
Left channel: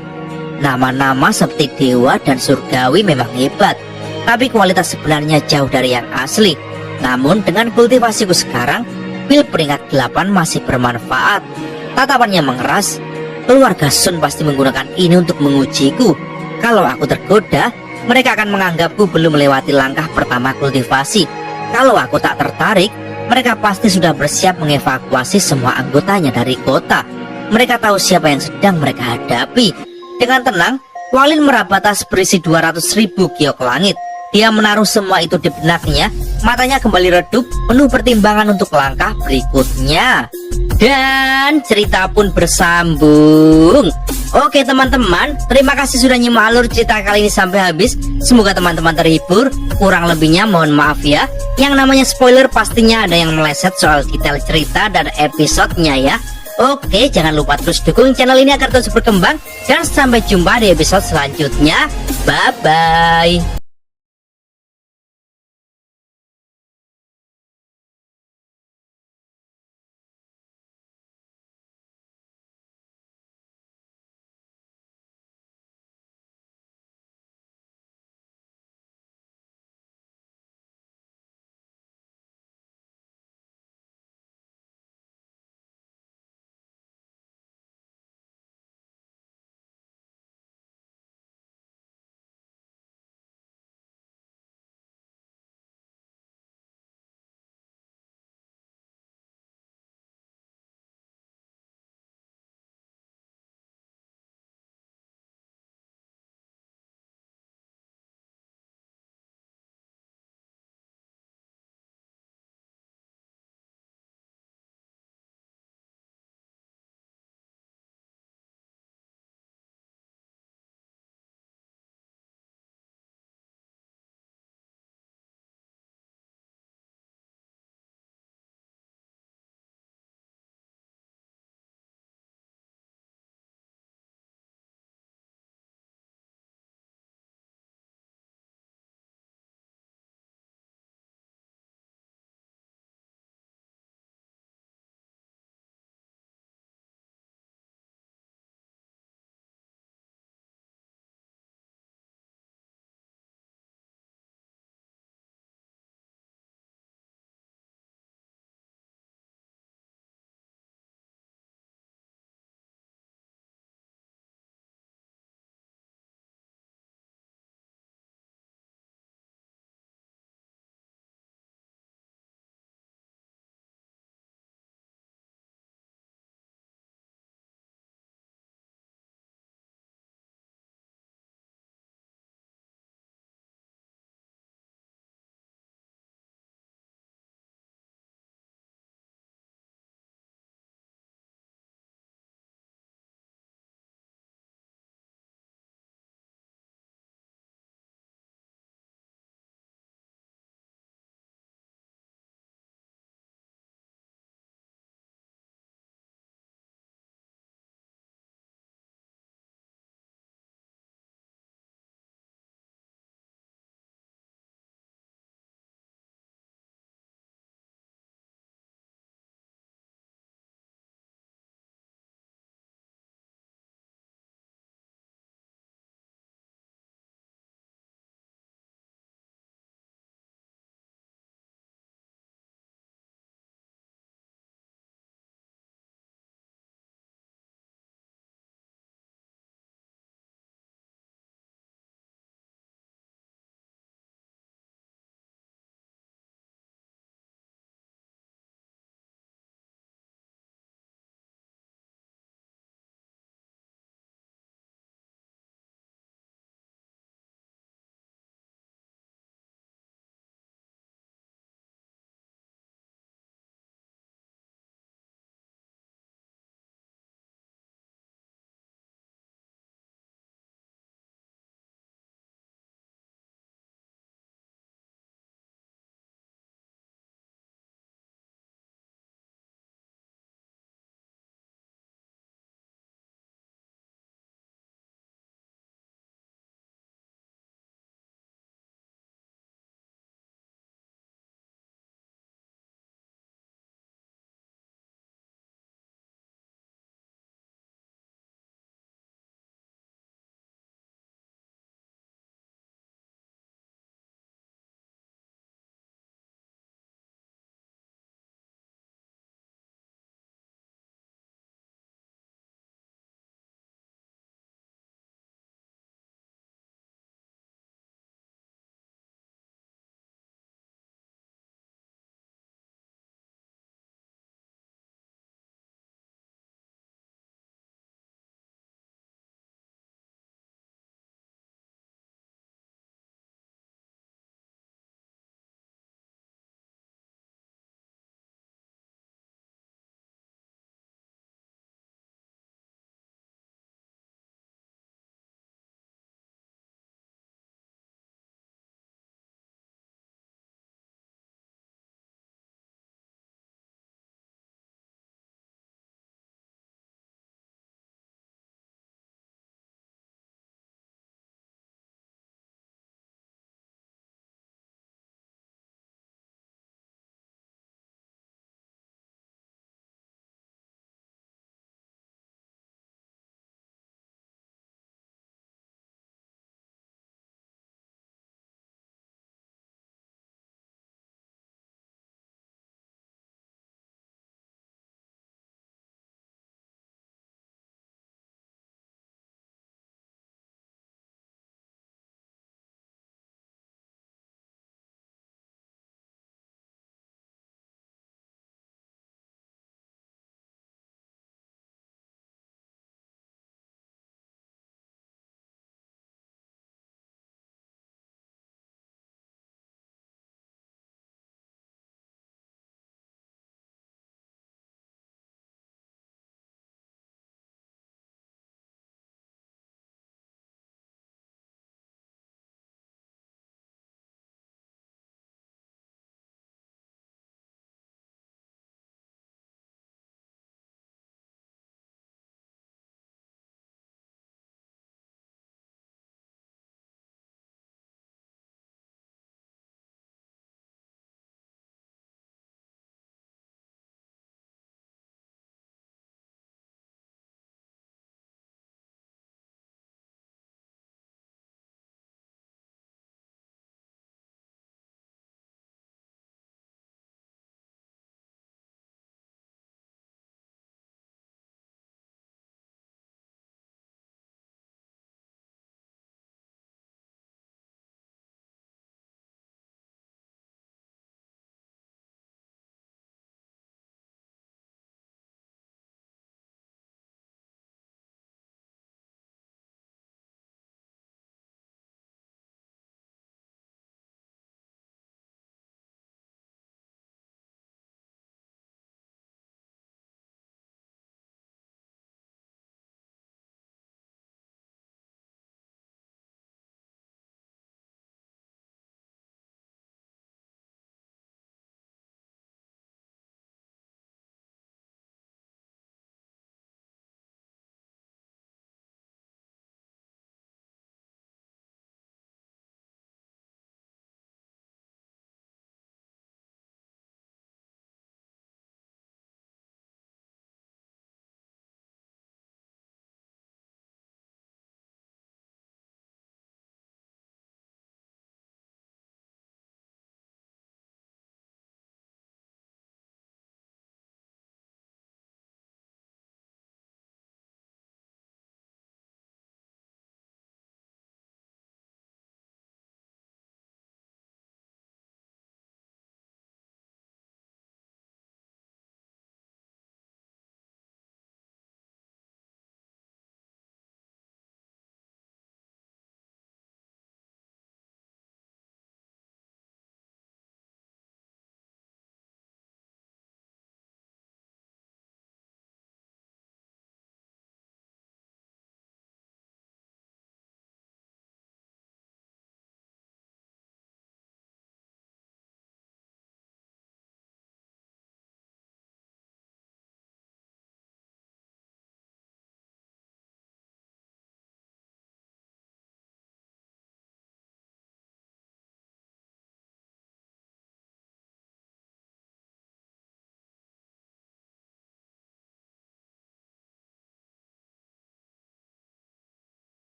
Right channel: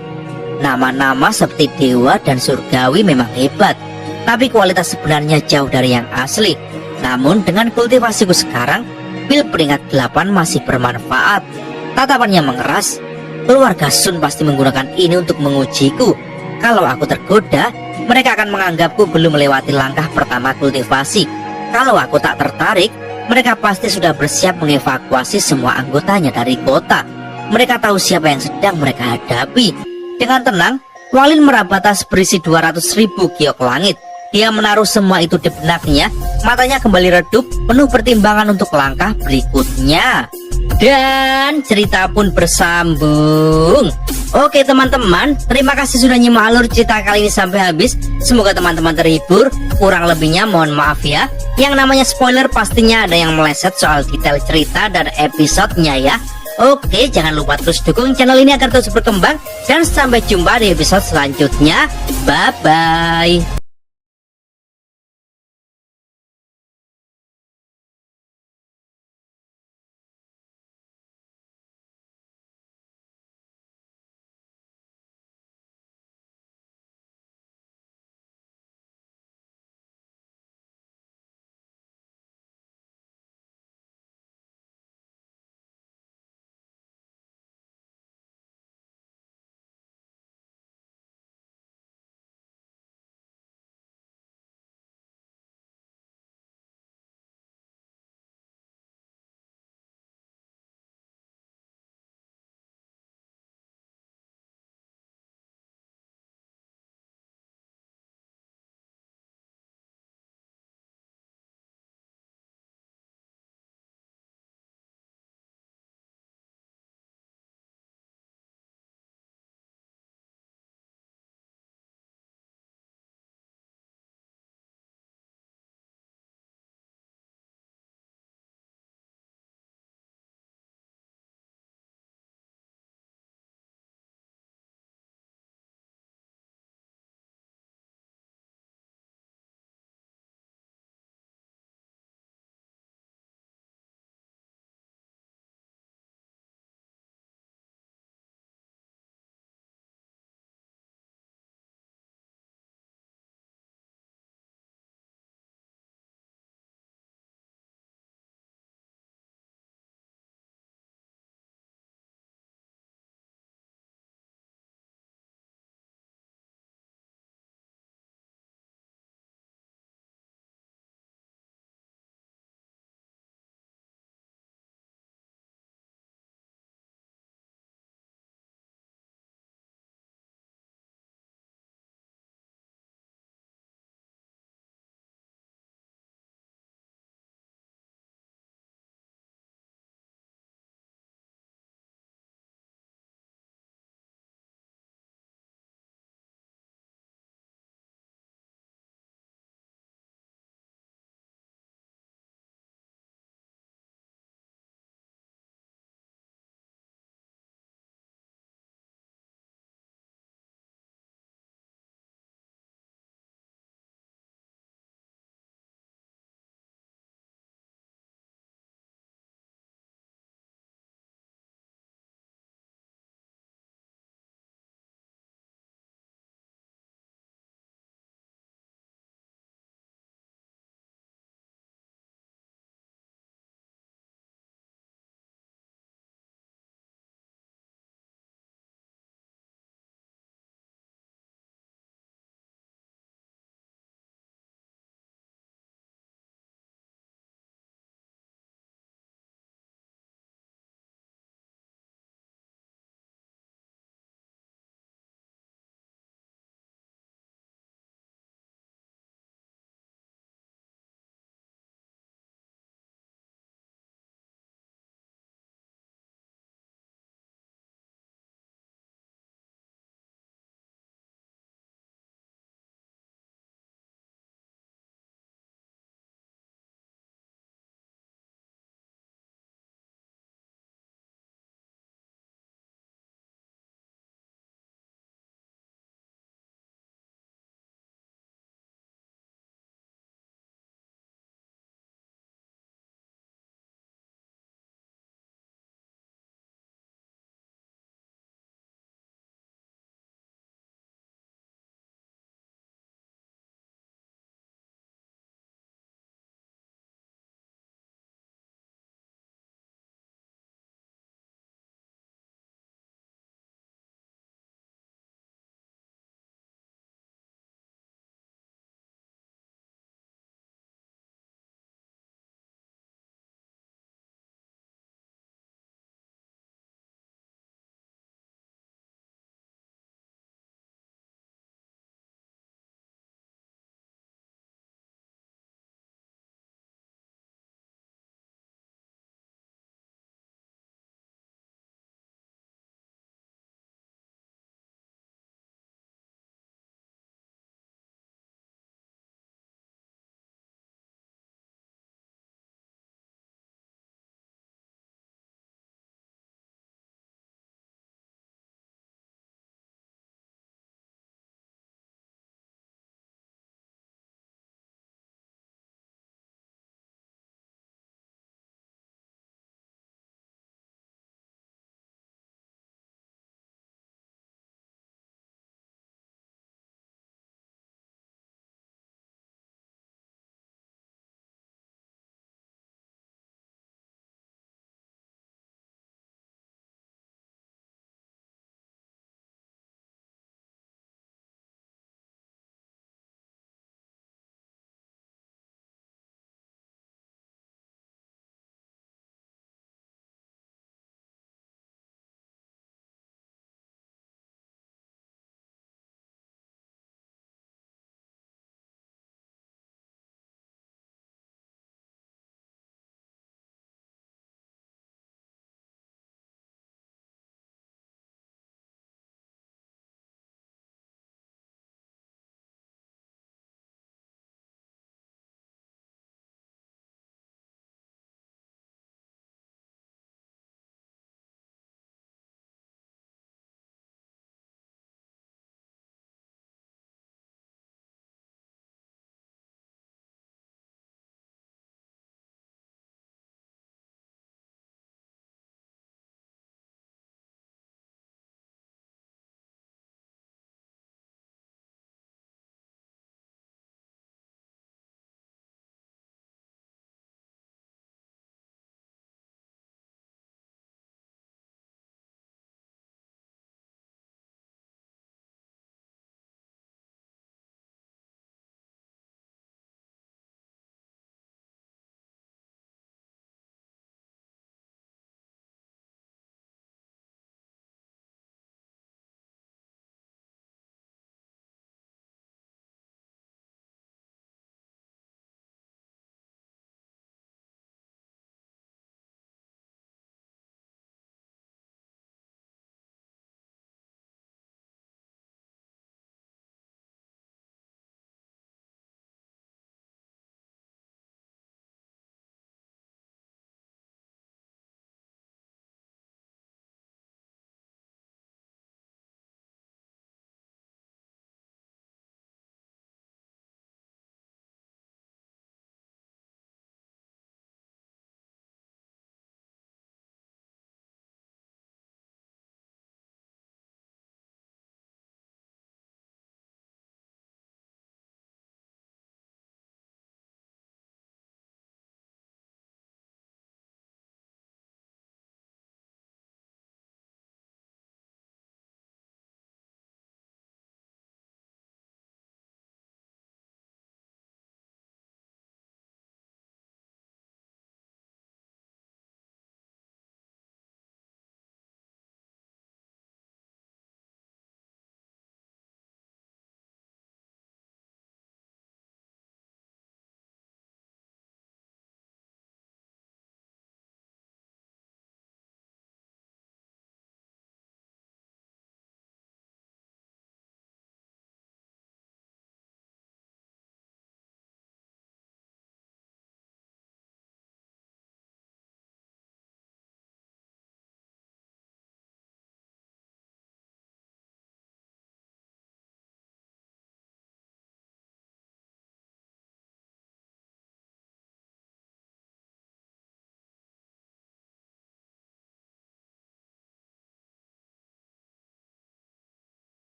Nama-nama seperti dewa dan surgawi memang hebat, tapi kualitas sebenarnya jauh dari yang asli. Namun dengan kultivasiku sekarang, pil peringkat 8 masih bermanfaat. Tatapannya mengeras. Keluarga Sun pasti menggunakan ini untuk mengujiku. Kalau aku tergoda, mereka akan menganggapku belum melewati langkah pertama kultivasi. Kalau aku tak tertarik, mereka pasti sudah bersiap mengevakuasi semua anggotanya dari kota. Mereka tahu siapa yang sedang mereka hadapi. Dengan tenang, Wang Lin meraba tas berisi 200.000 giok langit. Dia menaruh semua itu di benaknya. Matanya kembali redup, penuh pertimbangan untuk langkah berikutnya. Dan cerita pun bersambung. Oke teman-teman, terima kasih sudah nyimak alur cerita kali ini sampai habis. Semoga teman-teman terhibur. Kurang lebihnya mohon maaf ya. Yang namanya spoiler pastinya ada yang meleset soal detail cerita dan episodenya ya. Oke, jangan lupa terus dukung channel ini agar terus berkembang. Dan sampai jumpa di episode selanjutnya. Bye-bye.